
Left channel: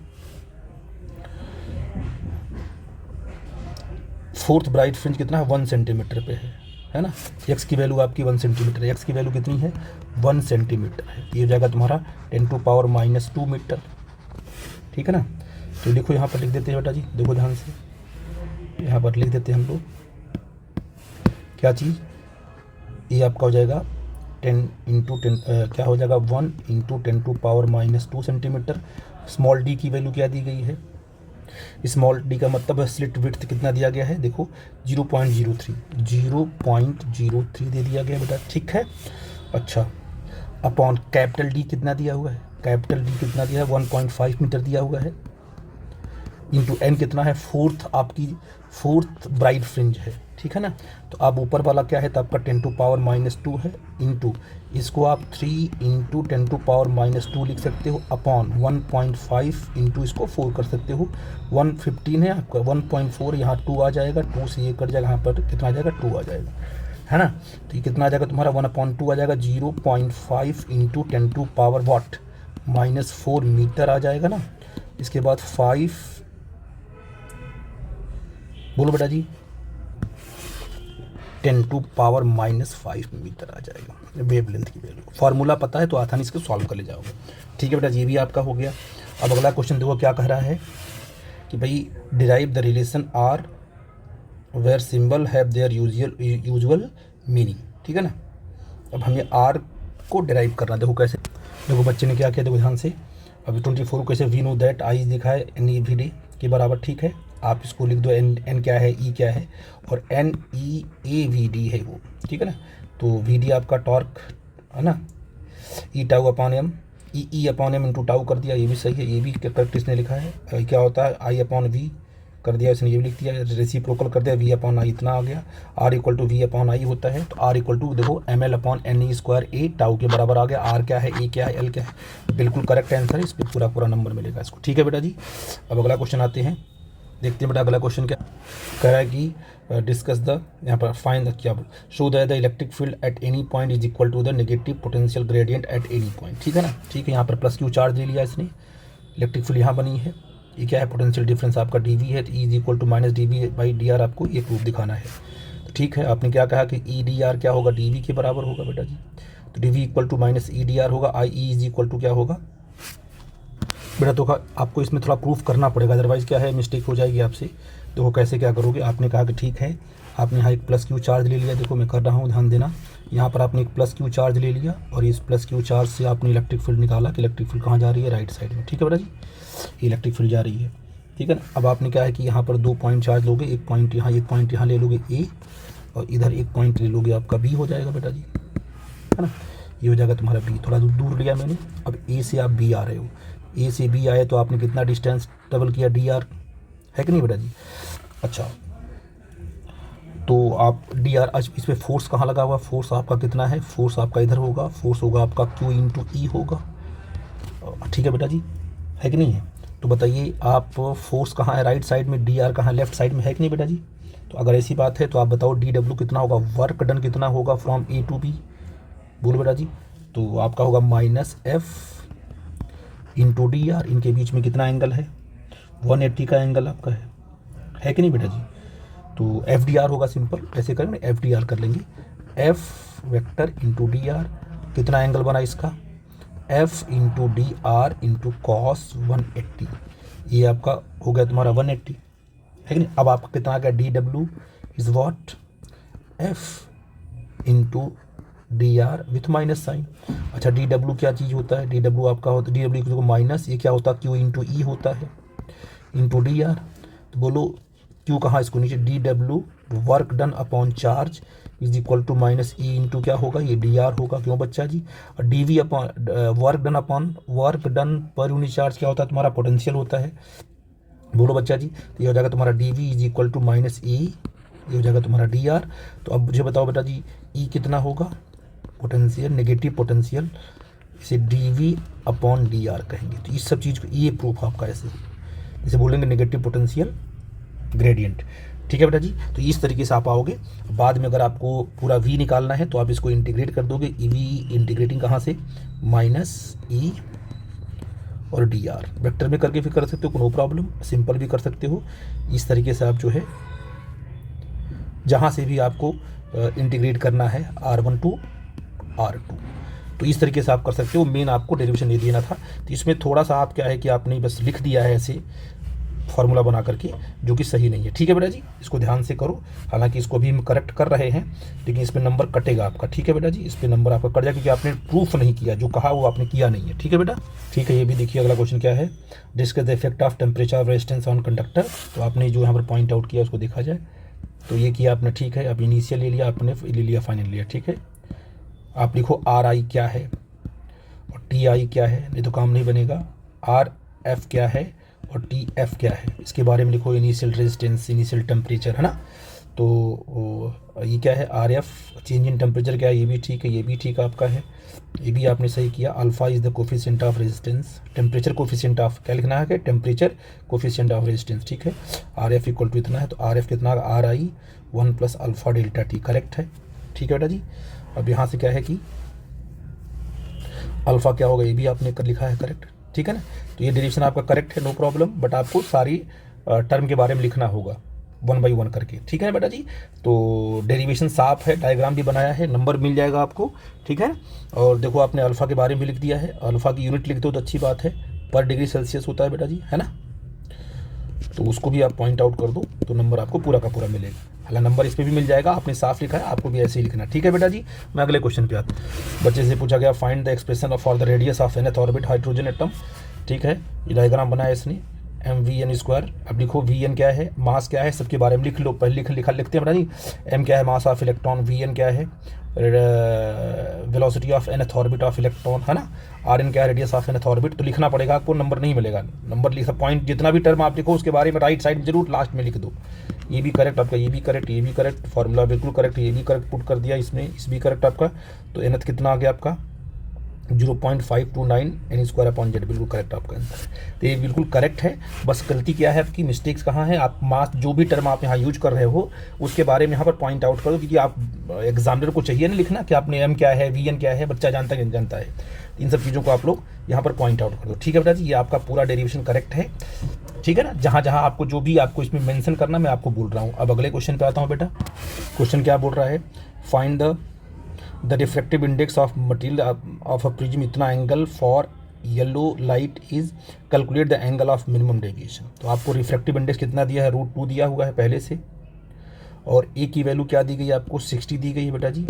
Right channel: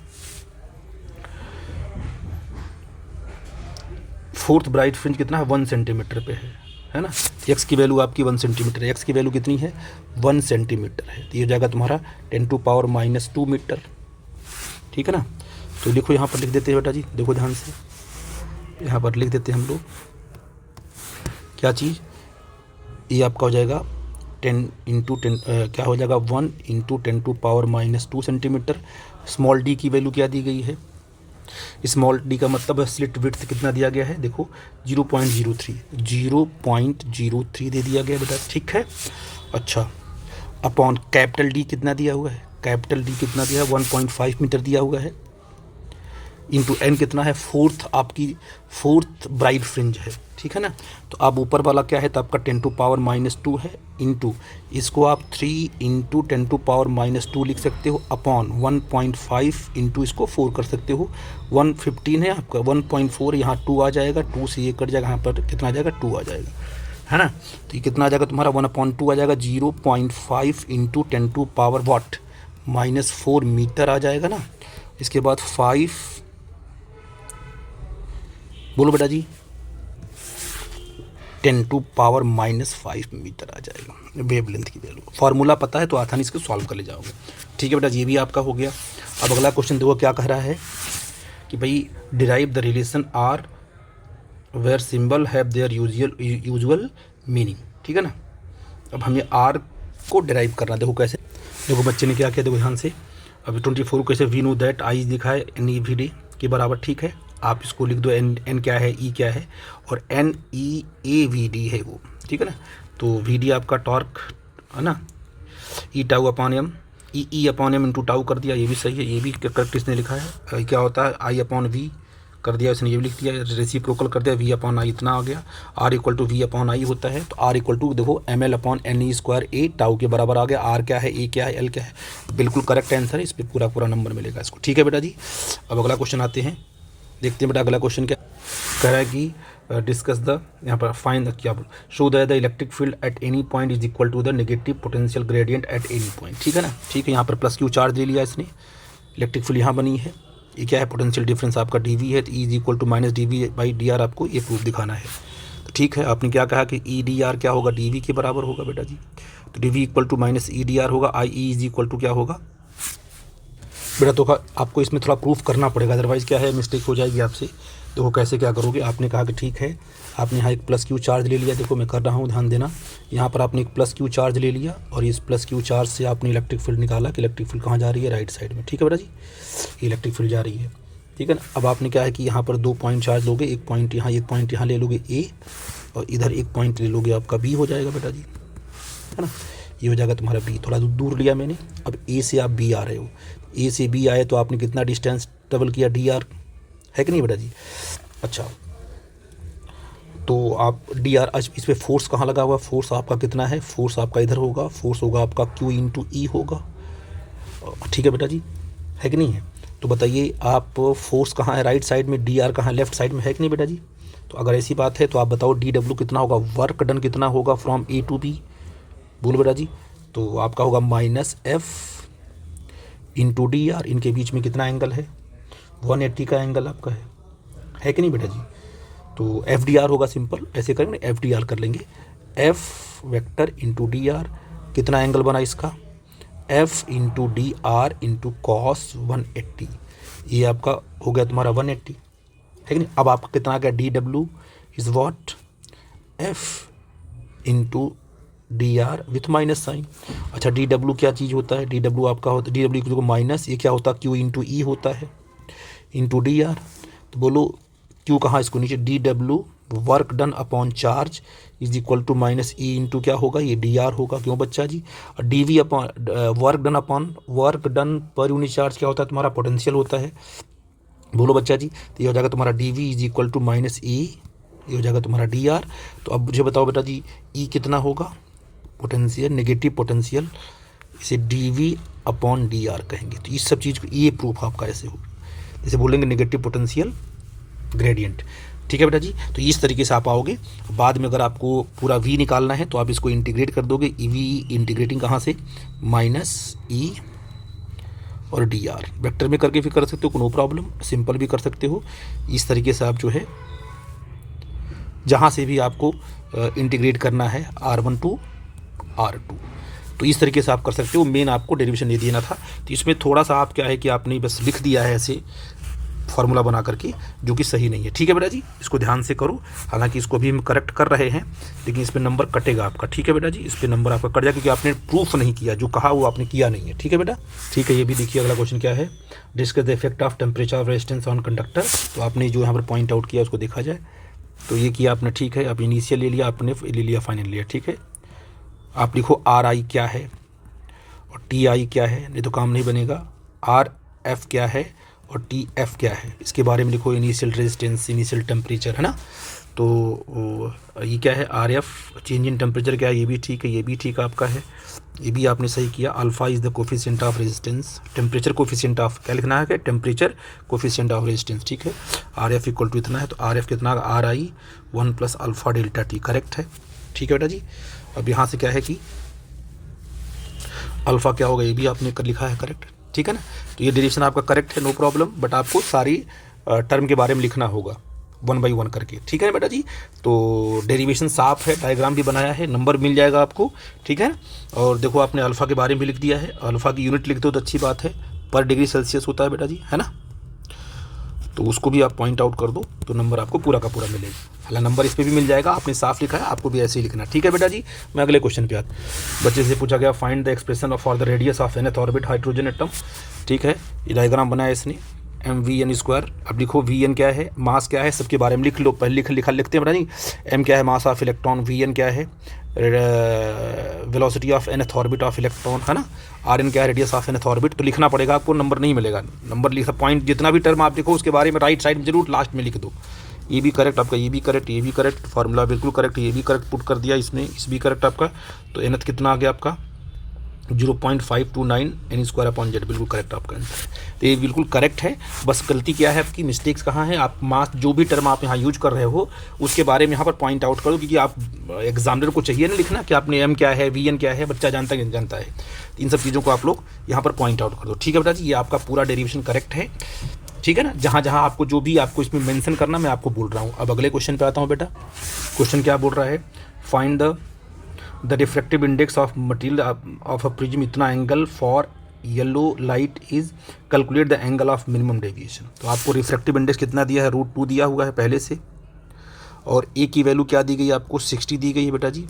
फोर्थ ब्राइट फ्रिंज कितना है, 1 सेंटीमीटर पे है ना। एक्स की वैल्यू आपकी 1 सेंटीमीटर है, एक्स की वैल्यू कितनी है, 1 सेंटीमीटर है, तो ये हो जाएगा तुम्हारा 10⁻⁻2 मीटर, ठीक है ना। तो लिखो यहाँ पर लिख देते हैं बेटा जी, देखो ध्यान से, यहाँ पर लिख देते हैं हम लोग क्या चीज़, ये आपका हो जाएगा 10 × 10 क्या हो जाएगा, 1 × 10⁻⁻2 सेंटीमीटर। स्मॉल डी की वैल्यू क्या दी गई है, स्मॉल डी का मतलब स्लिट विड्थ कितना दिया गया है, देखो 0.03 दे दिया गया बेटा, ठीक है। अच्छा, अपॉन कैपिटल डी कितना दिया हुआ है, कैपिटल डी कितना दिया है, 1.5 मीटर दिया हुआ है, इंटू एन कितना है, फोर्थ ब्राइट फ्रिंज है, ठीक है ना। तो आप ऊपर वाला क्या है, तो आपका 10⁻⁻2 है, इंटू इसको आप 3 × 10⁻⁻2 लिख सकते हो, अपॉन 1.5 इंटू इसको 4 कर सकते हो, 115 है आपका, 1.4 यहाँ 2 आ जाएगा, 2 से ये कट जाएगा, यहाँ पर कितना आ जाएगा, 2 आ जाएगा, है ना। तो ये कितना आ जाएगा तुम्हारा, 1/2 आ जाएगा, 0.5 × 10⁻⁻4 मीटर आ जाएगा ना। इसके बाद 5, बोलो बेटा जी, 10⁻⁻5 मीटर आ जाएगा वेवलेंथ की वैल्यू। फार्मूला पता है तो आसानी से सॉल्व कर ले जाओगे, ठीक है बेटा, ये भी आपका हो गया। अब अगला क्वेश्चन देखो क्या कह रहा है कि भाई derive the relation R where symbol have their usual meaning, ठीक है ना। अब हमें आर को डिराइव करना, देखो कैसे। देखो बच्चे ने क्या किया, देखो ध्यान से। अभी 24 कैसे, वी नो दैट आई लिखा है एन ई वी डी के बराबर, ठीक है। आप इसको लिख दो, एन क्या है, ई क्या है, और N E A V D है वो, ठीक है ना। तो वी डी आपका टॉर्क है ना, E tau upon M, E upon M into tau कर दिया, ये भी सही है, ये भी करेक्ट इसने लिखा है। क्या होता है, आई अपॉन वी कर दिया इसने, ये भी लिख दिया, रेसिप्रोकल कर दिया, वी अपॉन आई इतना आ गया। R equal to V upon I होता है, तो आर इक्वल टू देखो M L upon N E square A tau के बराबर आ गया। आर क्या है, ए क्या है, एल क्या है, बिल्कुल करेक्ट आंसर है, इस पर पूरा पूरा नंबर मिलेगा इसको, ठीक है बेटा जी। अब अगला क्वेश्चन आते हैं, देखते हैं बेटा अगला क्वेश्चन क्या कह रहा है कि डिस्कस द, यहाँ पर फाइंड द, क्या show the electric field at any point is equal to the negative potential gradient at any point, ठीक है ना। ठीक है, यहाँ पर प्लस क्यू चार्ज ले लिया इसने, इलेक्ट्रिक फील्ड यहाँ बनी है, ये क्या है, पोटेंशियल डिफरेंस आपका डी वी है, तो E is equal to minus D V by D R, आपको ये प्रूफ दिखाना है। तो ठीक है, आपने क्या कहा कि ई डी आर क्या होगा, डी वी के बराबर होगा बेटा जी। तो D V equal to minus E D R होगा, I E is equal to क्या होगा बेटा। तो आपको इसमें थोड़ा प्रूफ करना पड़ेगा, अदरवाइज़ क्या है, मिस्टेक हो जाएगी आपसे। देखो कैसे क्या करोगे, आपने कहा कि ठीक है, आपने यहाँ एक प्लस क्यू चार्ज ले लिया, देखो मैं कर रहा हूँ ध्यान देना। यहाँ पर आपने एक प्लस क्यू चार्ज ले लिया, और इस प्लस क्यू चार्ज से आपने इलेक्ट्रिक फील्ड निकाला कि इलेक्ट्रिक फील्ड कहाँ जा रही है, राइट साइड में, ठीक है बेटा जी, ये इलेक्ट्रिक फील्ड जा रही है, ठीक है ना। अब आपने क्या है कि यहाँ पर 2 पॉइंट चार्ज लोगे, एक पॉइंट यहाँ ले लोगे ए, और इधर एक पॉइंट ले लोगे, आपका बी हो जाएगा बेटा जी, है ना। ये हो जाएगा तुम्हारा बी, थोड़ा दूर लिया मैंने। अब ए से आप बी आ रहे हो, ए से बी आए तो आपने कितना डिस्टेंस ट्रेवल किया, डी आर, है कि नहीं बेटा जी। अच्छा, तो आप डी आर, इस पर फोर्स कहाँ लगा हुआ, फोर्स आपका कितना है, फोर्स आपका इधर होगा, फोर्स होगा आपका क्यू इंटू ई होगा, ठीक है बेटा जी, है कि नहीं है। तो बताइए आप, फोर्स कहाँ है, राइट साइड में, डी आर कहाँ, लेफ्ट साइड में, है कि नहीं बेटा जी। तो अगर ऐसी बात है तो आप बताओ डी डब्ल्यू कितना होगा, वर्क डन कितना होगा फ्रॉम ए टू बी, बोलो बेटा जी। तो आपका होगा minus F into D are, इनके बीच में कितना एंगल है, 180 का एंगल आपका है कि नहीं बेटा जी। तो एफ डी आर होगा, सिंपल ऐसे करेंगे, एफ डी आर कर लेंगे, F vector into D are, कितना एंगल बना इसका, F into D are into cos 180, ये आपका हो गया तुम्हारा 180, है कि नहीं। अब आपका कितना आ गया, D W is what, F into D R with minus sign. अच्छा, डी डब्ल्यू क्या चीज़ होता है, डी डब्ल्यू आपका होता है, डी डब्ल्यू को माइनस, ये क्या होता है, क्यू इंटू ई होता है, इंटू डी आर। तो बोलो क्यू कहाँ, इसको नीचे, D W work done upon charge is equal to minus E into क्या होगा, ये डी आर होगा, क्यों बच्चा जी। और D V upon work done upon work done per unit charge क्या होता है, तुम्हारा पोटेंशियल होता है, बोलो बच्चा जी। तो ये हो जाएगा तुम्हारा D V is equal to minus E, ये हो जाएगा तुम्हारा डी आर। तो अब मुझे बताओ बेटा जी, ई कितना होगा, पोटेंशियल, नेगेटिव पोटेंशियल, इसे D V upon D R कहेंगे। तो इस सब चीज़ को, ये प्रूफ आपका ऐसे हो, जैसे बोलेंगे नेगेटिव पोटेंशियल ग्रेडियंट, ठीक है बेटा जी। तो इस तरीके से आप आओगे। बाद में अगर आपको पूरा वी निकालना है तो आप इसको इंटीग्रेट कर दोगे, ई वी इंटीग्रेटिंग कहाँ से, माइनस ई और डी आर, वेक्टर में करके भी कर सकते हो, नो प्रॉब्लम, सिंपल भी कर सकते हो। इस तरीके से आप जो है जहाँ से भी आपको इंटीग्रेट करना है R1 टू R2, तो इस तरीके से आप कर सकते हो। मेन आपको डेरिवेशन नहीं देना था, तो इसमें थोड़ा सा आप क्या है कि आपने बस लिख दिया है ऐसे फार्मूला बना करके, जो कि सही नहीं है, ठीक है बेटा जी। इसको ध्यान से करो, हालांकि इसको भी हम करेक्ट कर रहे हैं, लेकिन इस पर नंबर कटेगा आपका, ठीक है बेटा जी। इस पर नंबर आपका कट जाएगा क्योंकि आपने प्रूफ नहीं किया, जो कहा वो आपने किया नहीं है, ठीक है बेटा। ठीक है, ये भी देखिए अगला क्वेश्चन क्या है, discuss the effect of temperature of resistance on conductor. तो आपने जो यहाँ पर पॉइंट आउट किया उसको देखा जाए, तो ये किया आपने, ठीक है। अब इनिशियल ले लिया आपने, ले लिया फाइनल लिया, ठीक है। आप लिखो आर आई क्या है और टी आई क्या है, नहीं तो काम नहीं बनेगा। आर एफ क्या है और टी एफ क्या है, इसके बारे में लिखो, इनिशियल रेजिस्टेंस, इनिशियल टेम्परेचर, है ना। तो ये क्या है, R F change in temperature क्या है, ये भी ठीक है, ये भी ठीक आपका है, ये भी आपने सही किया। Alpha is the coefficient of resistance, temperature coefficient of, क्या लिखना है कि टेम्परेचर कोफिशिएंट ऑफ रेजिस्टेंस, ठीक है। आर एफ इक्वल टू इतना है, तो आर एफ कितना, are I 1 plus alpha delta T, correct है, ठीक है बेटा जी। अब यहाँ से क्या है कि अल्फा क्या होगा, ये भी आपने कर लिखा है, करेक्ट, ठीक है ना। तो ये डेरिवेशन आपका करेक्ट है, नो प्रॉब्लम, बट आपको सारी टर्म के बारे में लिखना होगा 1 बाई 1 करके, ठीक है बेटा जी। तो डेरिवेशन साफ है, डायग्राम भी बनाया है, नंबर मिल जाएगा आपको, ठीक है। और देखो आपने अल्फ़ा के बारे में भी लिख दिया है, अल्फ़ा की यूनिट लिख दो तो अच्छी बात है, पर डिग्री सेल्सियस होता है बेटा जी, है ना। तो उसको भी आप पॉइंट आउट कर दो तो नंबर आपको पूरा का पूरा मिलेगा। हालांकि नंबर इस पे भी मिल जाएगा, आपने साफ लिखा है, आपको भी ऐसे ही लिखना है। ठीक है बेटा जी। मैं अगले क्वेश्चन पे आता हूँ। बच्चे से पूछा गया find the expression for the radius of nth orbit hydrogen atom. ठीक है, ये डायग्राम बनाया इसने mv(n²). अब लिखो vn क्या है, मास क्या है, सबके बारे में लिख लो। पहले लिखते हैं बेटा जी। m क्या है, मास ऑफ इलेक्ट्रॉन, vn क्या है, velocity of nth orbit of electron, है ना, rn क्या है, रेडियस ऑफ nth ऑर्बिट। तो लिखना पड़ेगा आपको, नंबर नहीं मिलेगा। नंबर लिखा पॉइंट जितना भी टर्म आप लिखो उसके बारे में राइट साइड में जरूर लास्ट में लिख दो। ये भी करेक्ट आपका, ये भी करेक्ट, ये भी करेक्ट, फार्मूला बिल्कुल करेक्ट, ये भी करेक्ट पुट कर दिया इसने, इस भी करेक्ट आपका। तो nth कितना आ गया आपका 0.529 n²/z, बिल्कुल करेक्ट आपका आंसर है। तो ये बिल्कुल करेक्ट है। बस गलती क्या है आपकी, मिस्टेक्स कहाँ है, आप मास जो भी टर्म आप यहाँ यूज कर रहे हो उसके बारे में यहाँ पर पॉइंट आउट करो, क्योंकि आप एग्जामिनर को चाहिए ना लिखना कि आपने m क्या है, vn क्या है, बच्चा जानता है कि नहीं जानता है। इन सब चीज़ों को आप लोग यहाँ पर पॉइंट आउट कर दो। ठीक है बेटा जी, ये आपका पूरा डेरिवेशन करेक्ट है। ठीक है ना, जहाँ जहाँ आपको जो भी आपको इसमें मेंशन करना मैं आपको बोल रहा हूँ। अब अगले क्वेश्चन पे आता हूँ बेटा। क्वेश्चन क्या बोल रहा है, find the refractive index of material of a prism इतना angle for yellow light is calculate the angle of minimum deviation. तो आपको रिफ्रैक्टिव इंडेक्स कितना दिया है, √2 दिया हुआ है पहले से, और ए की वैल्यू क्या दी गई है आपको 60 दी गई है बेटा जी,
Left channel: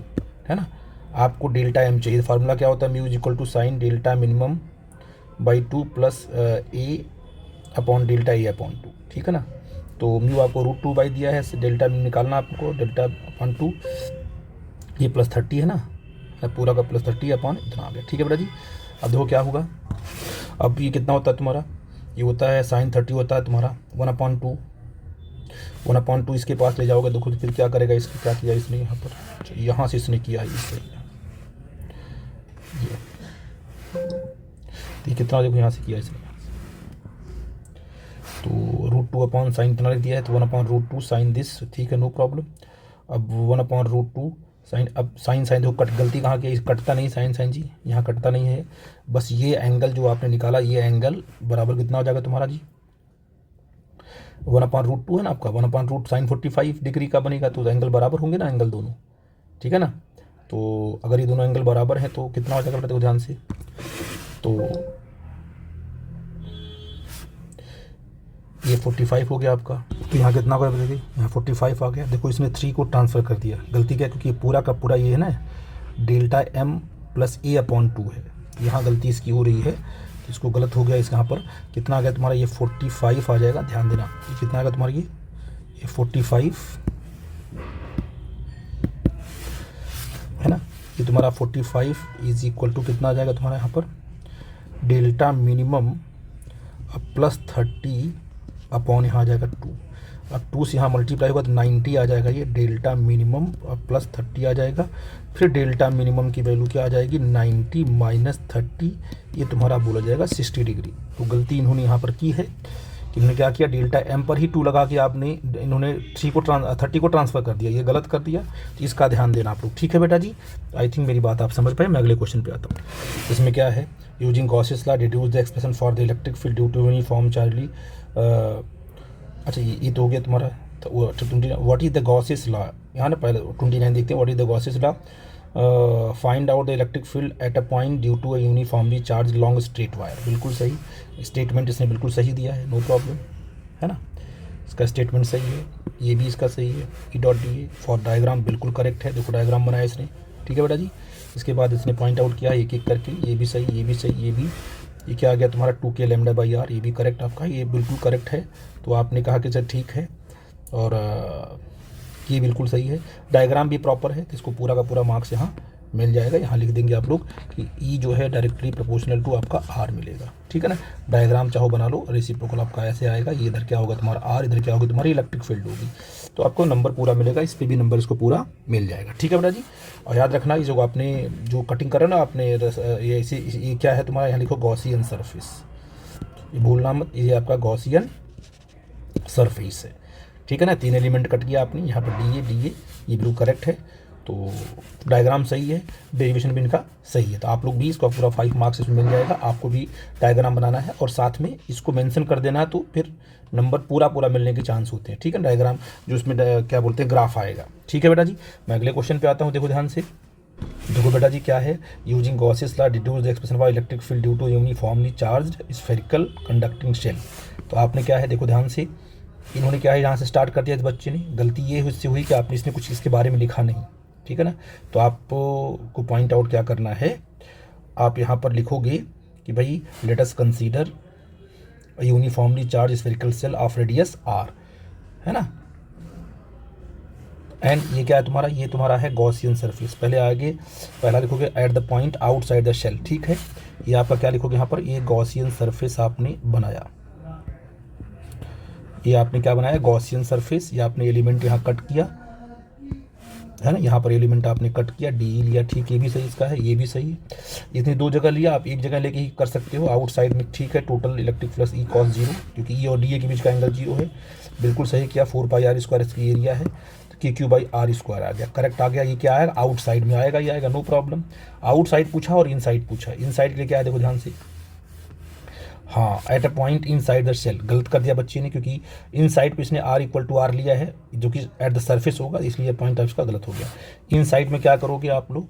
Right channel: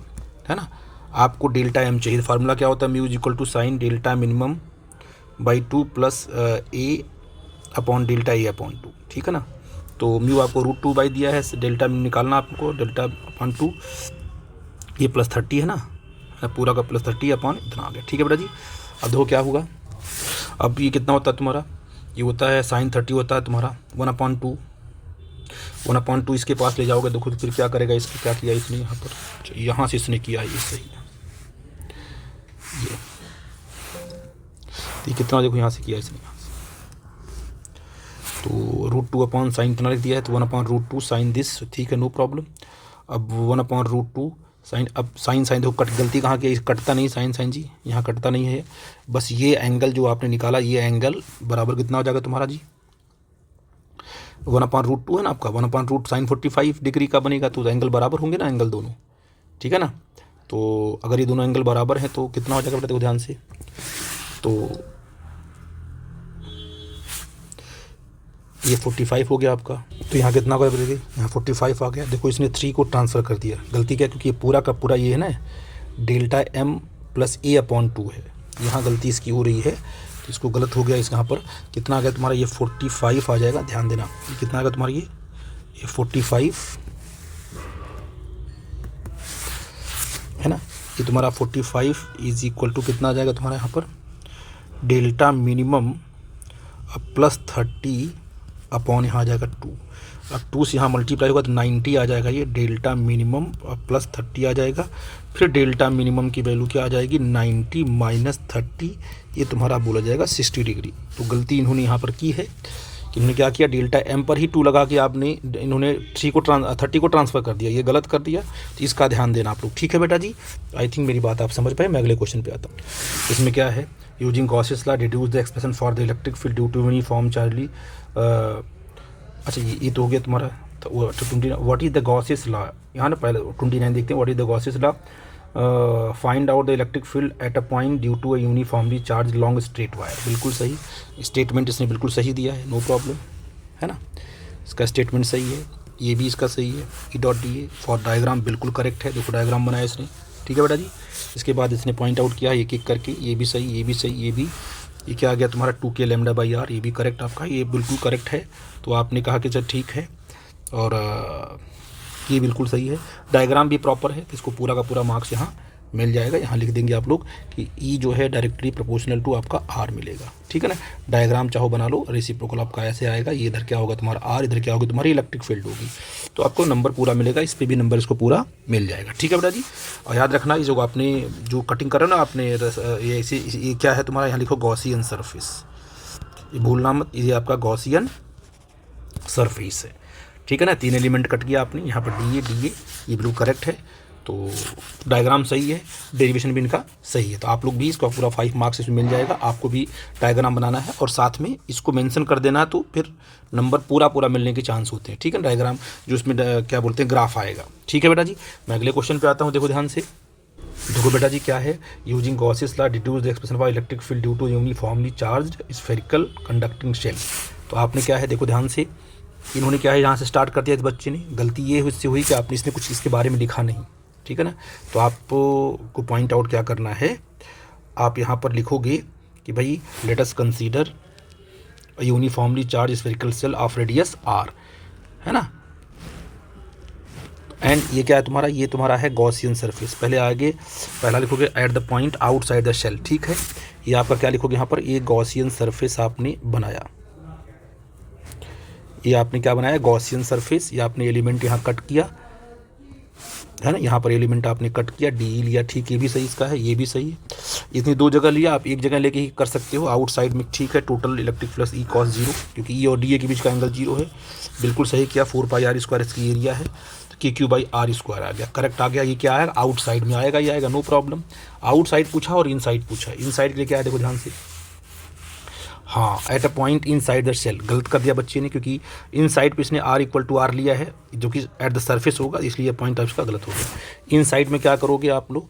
है ना। आपको डेल्टा एम चाहिए। फार्मूला क्या होता है, mu equal to sine delta minimum by 2 plus A upon delta A upon 2। ठीक है ना, तो म्यू आपको √2 बाई दिया है, डेल्टा निकालना आपको, डेल्टा अपॉन 2, ये प्लस 30 है ना, पूरा का प्लस 30 अपॉन इतना आ गया। ठीक है बेटा जी। अब देखो क्या होगा, अब ये कितना होता है तुम्हारा, ये होता है साइन 30 होता है तुम्हारा 1/2, 1/2 इसके पास ले जाओगे। देखो तो फिर क्या करेगा, इसके क्या किया इसने यहाँ पर, यहाँ से इसने किया ये सही है, ये कितना देखो यहाँ से किया इसने, तो √2 अपॉन साइन इतना लिख दिया है, तो 1/√2 साइन दिस। ठीक है, नो प्रॉब्लम। अब 1/√2 साइन, अब साइन देखो कट, गलती कहाँ की, कटता नहीं साइन जी, यहाँ कटता नहीं है। बस ये एंगल जो आपने निकाला, ये एंगल बराबर कितना हो जाएगा तुम्हारा जी, 1/√2 है ना आपका, 1/√ साइन 45 डिग्री का बनेगा। तो एंगल बराबर होंगे ना एंगल दोनों, ठीक है ना। तो अगर ये दोनों एंगल बराबर हैं तो कितना हो जाएगा देखो ध्यान से, तो ये 45 हो गया आपका। तो यहाँ कितना होगा देखिए, यहाँ 45 आ गया। देखो इसने 3 को ट्रांसफ़र कर दिया, गलती क्या है, क्योंकि ये पूरा का पूरा ये है ना डेल्टा m प्लस a/2 है, यहाँ गलती इसकी हो रही है, तो इसको गलत हो गया। इस यहाँ पर कितना आ गया तुम्हारा, ये 45 आ जाएगा, ध्यान देना। ये कितना आ गया तुम्हारा, ये 45 है ना, ये तुम्हारा 45 इज इक्वल टू कितना आ जाएगा तुम्हारा यहाँ पर, डेल्टा मिनिमम प्लस 30 अपॉन यहाँ आ जाएगा 2। अब 2 से यहाँ मल्टीप्लाई होगा तो 90 आ जाएगा। ये डेल्टा मिनिमम प्लस 30 आ जाएगा। फिर डेल्टा मिनिमम की वैल्यू क्या आ जाएगी, 90 माइनस 30, ये तुम्हारा बोला जाएगा 60 डिग्री। तो गलती इन्होंने यहाँ पर की है कि इन्होंने क्या किया, डेल्टा m पर ही 2 लगा के आपने, इन्होंने 30 को ट्रांसफ़र कर दिया, ये गलत कर दिया। तो इसका ध्यान देना आप लोग, ठीक है बेटा जी। आई थिंक मेरी बात आप समझ पाए। मैं अगले क्वेश्चन पे आता हूँ। इसमें क्या है, using Gauss's law deduce the expression for the electric field due to uniform charlie. अच्छा ये तो हो गया तुम्हारा। तो अच्छा 29, what is the Gauss's law, यहाँ ना पहले 29 देखते हैं। What is the Gauss's law, find out the electric field at a point due to a uniformly charge long straight wire. बिल्कुल सही स्टेटमेंट इसने बिल्कुल सही दिया है, नो प्रॉब्लम, है ना। इसका स्टेटमेंट सही है, ये भी इसका सही है। E.DA फॉर डायग्राम बिल्कुल करेक्ट है, देखो डायग्राम बनाया इसने, ठीक है बेटा जी। इसके बाद इसने पॉइंट आउट किया एक एक करके, ये भी सही, ये भी सही, ये भी, ये क्या आ गया तुम्हारा 2k λ/r, ये भी करेक्ट आपका, ये बिल्कुल करेक्ट है। तो आपने कहा कि सर ठीक है, और ये बिल्कुल सही है। डायग्राम भी प्रॉपर है, तो इसको पूरा का पूरा मार्क्स यहाँ मिल जाएगा। यहाँ लिख देंगे आप लोग कि ई जो है डायरेक्टली प्रोपोर्शनल टू आपका आर मिलेगा, ठीक है ना। डायग्राम चाहो बना लो, रेसिप्रोकल आपका ऐसे आएगा, ये इधर क्या होगा तुम्हारा आर, इधर क्या होगी तुम्हारी इलेक्ट्रिक फील्ड होगी, तो आपको नंबर पूरा मिलेगा। इस पर भी नंबर इसको पूरा मिल जाएगा, ठीक है बेटा जी। और याद रखना, ये जो आपने जो कटिंग करा ना आपने, ये क्या है तुम्हारा, यहाँ लिखो गॉसियन सरफेस, ये भूलना मत, ये आपका गॉसियन सरफेस है, ठीक है ना। 3 एलिमेंट कट किया आपने, यहाँ पर डी ए, ये बिल्कुल करेक्ट है। तो डायग्राम सही है, डेरिवेशन भी इनका सही है। तो आप लोग भी इसका पूरा 5 मार्क्स इसमें मिल जाएगा। आपको भी डायग्राम बनाना है और साथ में इसको मेंशन कर देना है, तो फिर नंबर पूरा मिलने के चांस होते हैं, ठीक है। डायग्राम जो इसमें क्या बोलते हैं ग्राफ आएगा, ठीक है बेटा जी। मैं अगले क्वेश्चन पे आता हूँ, देखो ध्यान से। देखो बेटा जी क्या है, using Gauss's law deduce the expression for electric field due to uniformly charged spherical conducting shell. तो आपने क्या है, देखो ध्यान से, इन्होंने क्या है यहाँ से स्टार्ट कर दिया इस बच्चे ने, गलती ये इससे हुई कि आपने इसने कुछ इसके बारे में लिखा नहीं, ठीक है ना। तो आपको पॉइंट आउट क्या करना है, आप यहाँ पर लिखोगे कि भाई let us consider uniformly charge spherical shell of radius r, है ना। एंड ये क्या है तुम्हारा, ये तुम्हारा है गॉसियन सरफेस। पहले आगे पहला लिखोगे at the point outside the shell, ठीक है। ये आपका क्या लिखोगे यहाँ पर, ये गॉसियन सरफेस आपने बनाया, ये आपने क्या बनाया, गॉसियन सरफेस। ये आपने एलिमेंट यहाँ कट किया, है ना, यहाँ पर एलिमेंट आपने कट किया, डी लिया, ठीक, ये भी सही इसका है, ये भी सही है। इतनी दो जगह लिया, आप एक जगह लेके ही कर सकते हो आउटसाइड में, ठीक है। Total electric flux E cos 0, क्योंकि ई और डी ए के बीच का एंगल 0 है, बिल्कुल सही किया। 4πr² इसकी एरिया है, तो KQ/r² आ गया, करेक्ट आ गया। ये क्या आएगा, आउटसाइड में आएगा, ये आएगा, नो प्रॉब्लम। आउटसाइड पूछा और इनसाइड पूछा, इनसाइड के लिए क्या है देखो ध्यान से, हाँ, at a point inside the shell, गलत कर दिया बच्चे ने, क्योंकि इन साइड पे इसने r लिया है जो कि एट द सरफेस होगा, इसलिए पॉइंट ऑफ इसका गलत हो गया। इन साइड में क्या करोगे आप लोग,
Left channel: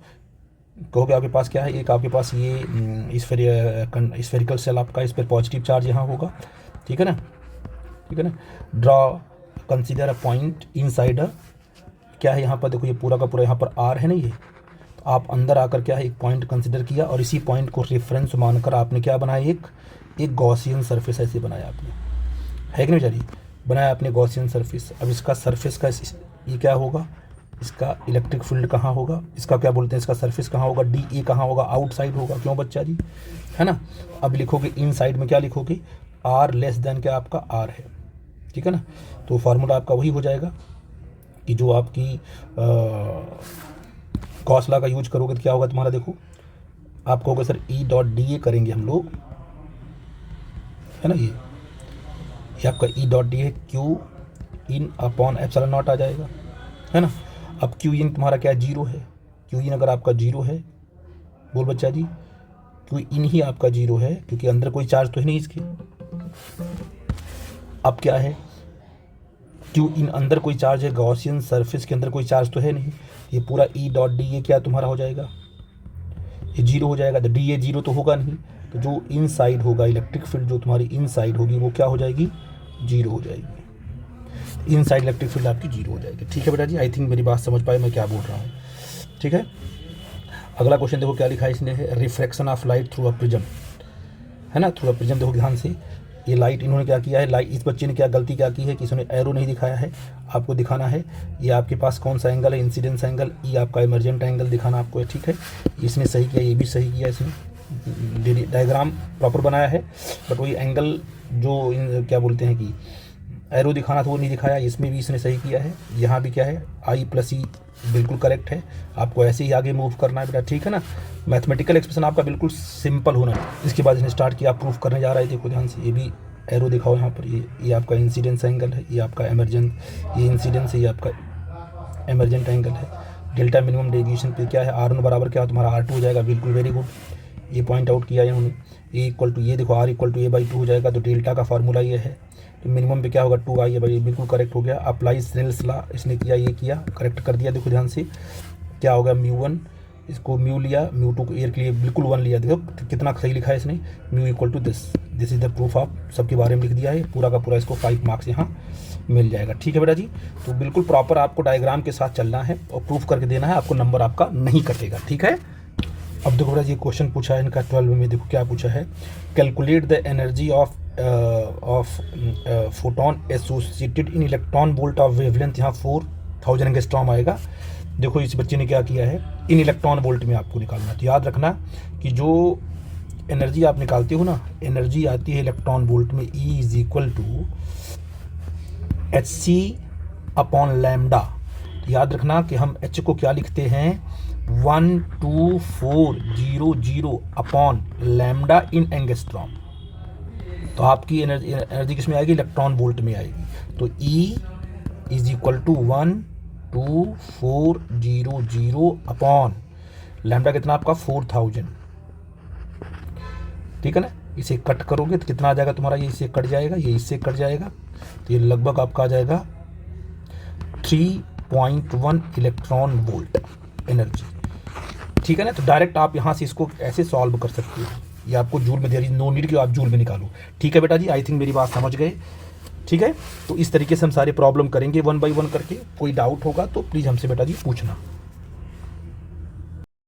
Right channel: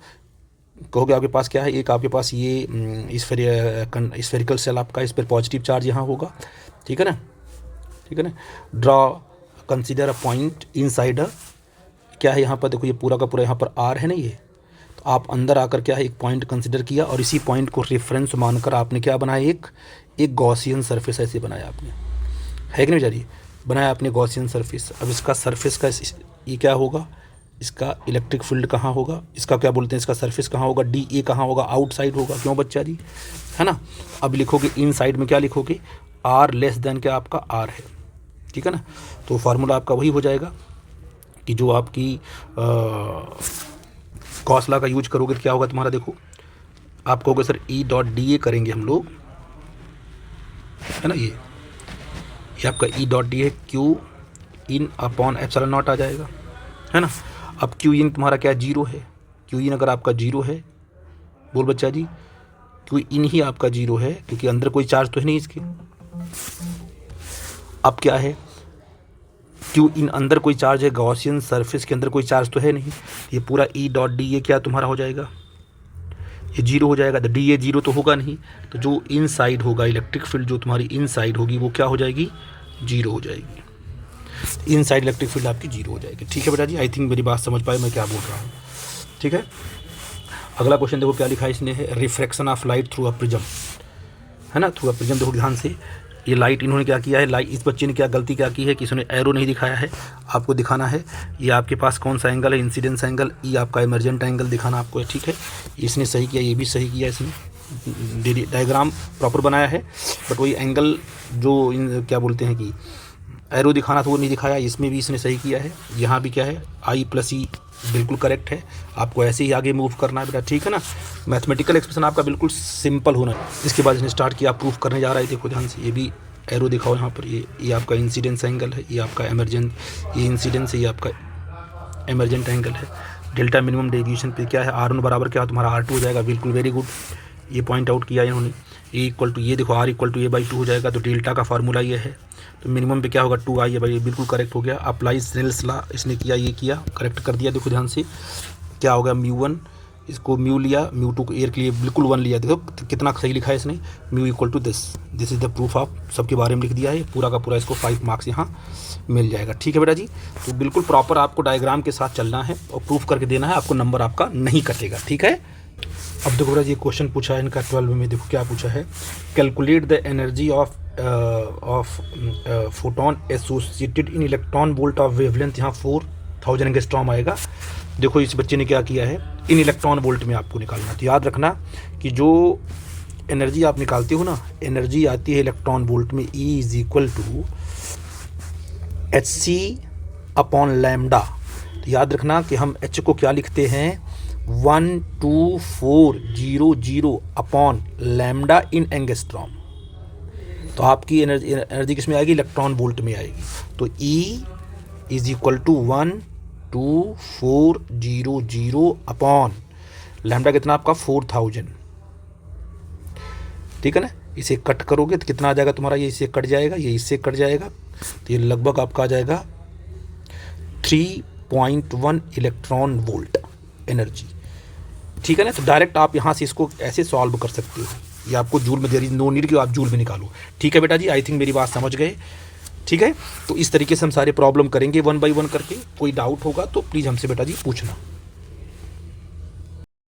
कहोगे आपके पास क्या है, एक आपके पास ये स्फेरिकल सेल आपका, इस पर पॉजिटिव चार्ज यहाँ होगा, ठीक है ना, ठीक है ना। Draw consider a point in side क्या है यहाँ पर देखो, ये पूरा का पूरा यहाँ पर r है ना ये, तो आप अंदर आकर क्या है एक पॉइंट कंसिडर किया और इसी पॉइंट को रेफरेंस मानकर आपने क्या बनाया, एक गॉसियन सरफेस ऐसे बनाया आपने, है कि नहीं बेचारी, बनाया आपने गॉसियन सरफेस। अब इसका सरफेस का ये क्या होगा, इसका इलेक्ट्रिक फील्ड कहाँ होगा, इसका क्या बोलते हैं, इसका सरफेस कहाँ होगा, DA कहाँ होगा, आउटसाइड होगा, क्यों बच्चा जी, है ना। अब लिखोगे इन साइड में क्या लिखोगे, R लेस देन क्या आपका R है, ठीक है ना। तो फार्मूला आपका वही हो जाएगा कि जो आपकी गॉस लॉ का यूज करोगे क्या होगा तुम्हारा, देखो आप कहोगे सर E.DA करेंगे हम लोग, है ना, ये आपका E.DA है, Q in upon epsilon naught आ जाएगा, है ना। अब Q इन तुम्हारा क्या 0 है, Q इन अगर आपका 0 है, बोल बच्चा जी, Q इन ही आपका 0 है, क्योंकि अंदर कोई चार्ज तो है नहीं इसके। अब क्या है, Q इन अंदर कोई चार्ज है, गॉसियन सरफेस के अंदर कोई चार्ज तो है नहीं, ये पूरा E.DA क्या तुम्हारा हो जाएगा, ये 0 हो जाएगा। तो DA 0 तो होगा नहीं, तो जो इन साइड होगा इलेक्ट्रिक फील्ड जो तुम्हारी इन साइड होगी वो क्या हो जाएगी, 0 हो जाएगी। इन साइड इलेक्ट्रिक फील्ड आपकी 0 हो जाएगी, ठीक है बेटा जी। आई थिंक मेरी बात समझ पाए मैं क्या बोल रहा हूँ, ठीक है। अगला क्वेश्चन देखो क्या लिखा है इसने, है refraction of light through a prism, है ना, थ्रू अ प्रिज्म। देखो ध्यान से, ये लाइट इन्होंने क्या किया है, लाइट इस बच्चे ने क्या गलती क्या की है कि इसने एरो नहीं दिखाया है, आपको दिखाना है ये आपके पास कौन सा एंगल है, इंसिडेंस एंगल, ये आपका इमरजेंट एंगल दिखाना आपको है, ठीक है। इसने सही किया, ये भी सही किया, इसने डायग्राम प्रॉपर बनाया है, बट वही एंगल जो क्या बोलते हैं कि एरो दिखाना था वो नहीं दिखाया, इसमें भी इसने सही किया है। यहाँ भी क्या है, I+E बिल्कुल करेक्ट है, आपको ऐसे ही आगे मूव करना है बेटा, ठीक है ना। मैथमेटिकल एक्सप्रेशन आपका बिल्कुल सिंपल होना है। इसके बाद इसने स्टार्ट किया, प्रूफ करने जा रहा है, देखो ध्यान से, ये भी एरो दिखाओ यहाँ पर, ये आपका इंसिडेंस एंगल है, ये आपका इमरजेंट, ये इंसिडेंस है, ये आपका इमरजेंट एंगल है। डेल्टा मिनिमम डेविएशन पे क्या है, R1 बराबर क्या तुम्हारा R2 हो जाएगा, बिल्कुल वेरी गुड, ये पॉइंट आउट किया इन्होंने। ये देखो R = A/2 हो जाएगा, तो डेल्टा का फार्मूला ये है, तो मिनिमम पे क्या होगा 2I है भाई, बिल्कुल करेक्ट हो गया। अप्लाई स्नेल्स लॉ इसने किया, ये किया, करेक्ट कर दिया। देखो ध्यान से क्या होगा, μ1 इसको म्यू लिया, μ2 को एयर के लिए बिल्कुल 1 लिया, देखो कितना सही लिखा है इसने, μ = this is the proof of, सबके बारे में लिख दिया है पूरा का पूरा, इसको 5 मार्क्स यहाँ मिल जाएगा, ठीक है बेटा जी। तो बिल्कुल प्रॉपर आपको डायग्राम के साथ चलना है और प्रूफ करके देना है, आपको नंबर आपका नहीं कटेगा, ठीक है। अब देखो बेटा जी क्वेश्चन पूछा है इनका 12 में, देखो क्या पूछा है, calculate the energy of photon associated in electron volt of wavelength, यहाँ 4000 एंगस्ट्रॉम आएगा। देखो इस बच्चे ने क्या किया है, इन इलेक्ट्रॉन वोल्ट में आपको निकालना, तो याद रखना कि जो एनर्जी आप निकालते हो ना, एनर्जी आती है इलेक्ट्रॉन वोल्ट में, E = hc/λ। याद रखना कि हम H को क्या लिखते हैं, 12400/λ इन एंगस्ट्रॉम। तो आपकी एनर्जी किस में आएगी, इलेक्ट्रॉन वोल्ट में आएगी। तो E = 12400/λ कितना आपका 4000, ठीक है ना। इसे कट करोगे तो कितना आ जाएगा तुम्हारा, ये इससे कट जाएगा, ये इससे कट जाएगा, तो ये लगभग आपका आ जाएगा 3.1 इलेक्ट्रॉन वोल्ट एनर्जी, ठीक है ना। तो डायरेक्ट आप यहाँ से इसको ऐसे सॉल्व कर सकते हो, ये आपको जूल में, देयर इज नो नीड कि आप जूल में निकालो, ठीक है बेटा जी। आई थिंक मेरी बात समझ गए। ठीक है। तो इस तरीके से हम सारे प्रॉब्लम करेंगे वन बाय वन करके। कोई डाउट होगा तो प्लीज़ हमसे बेटा जी पूछना।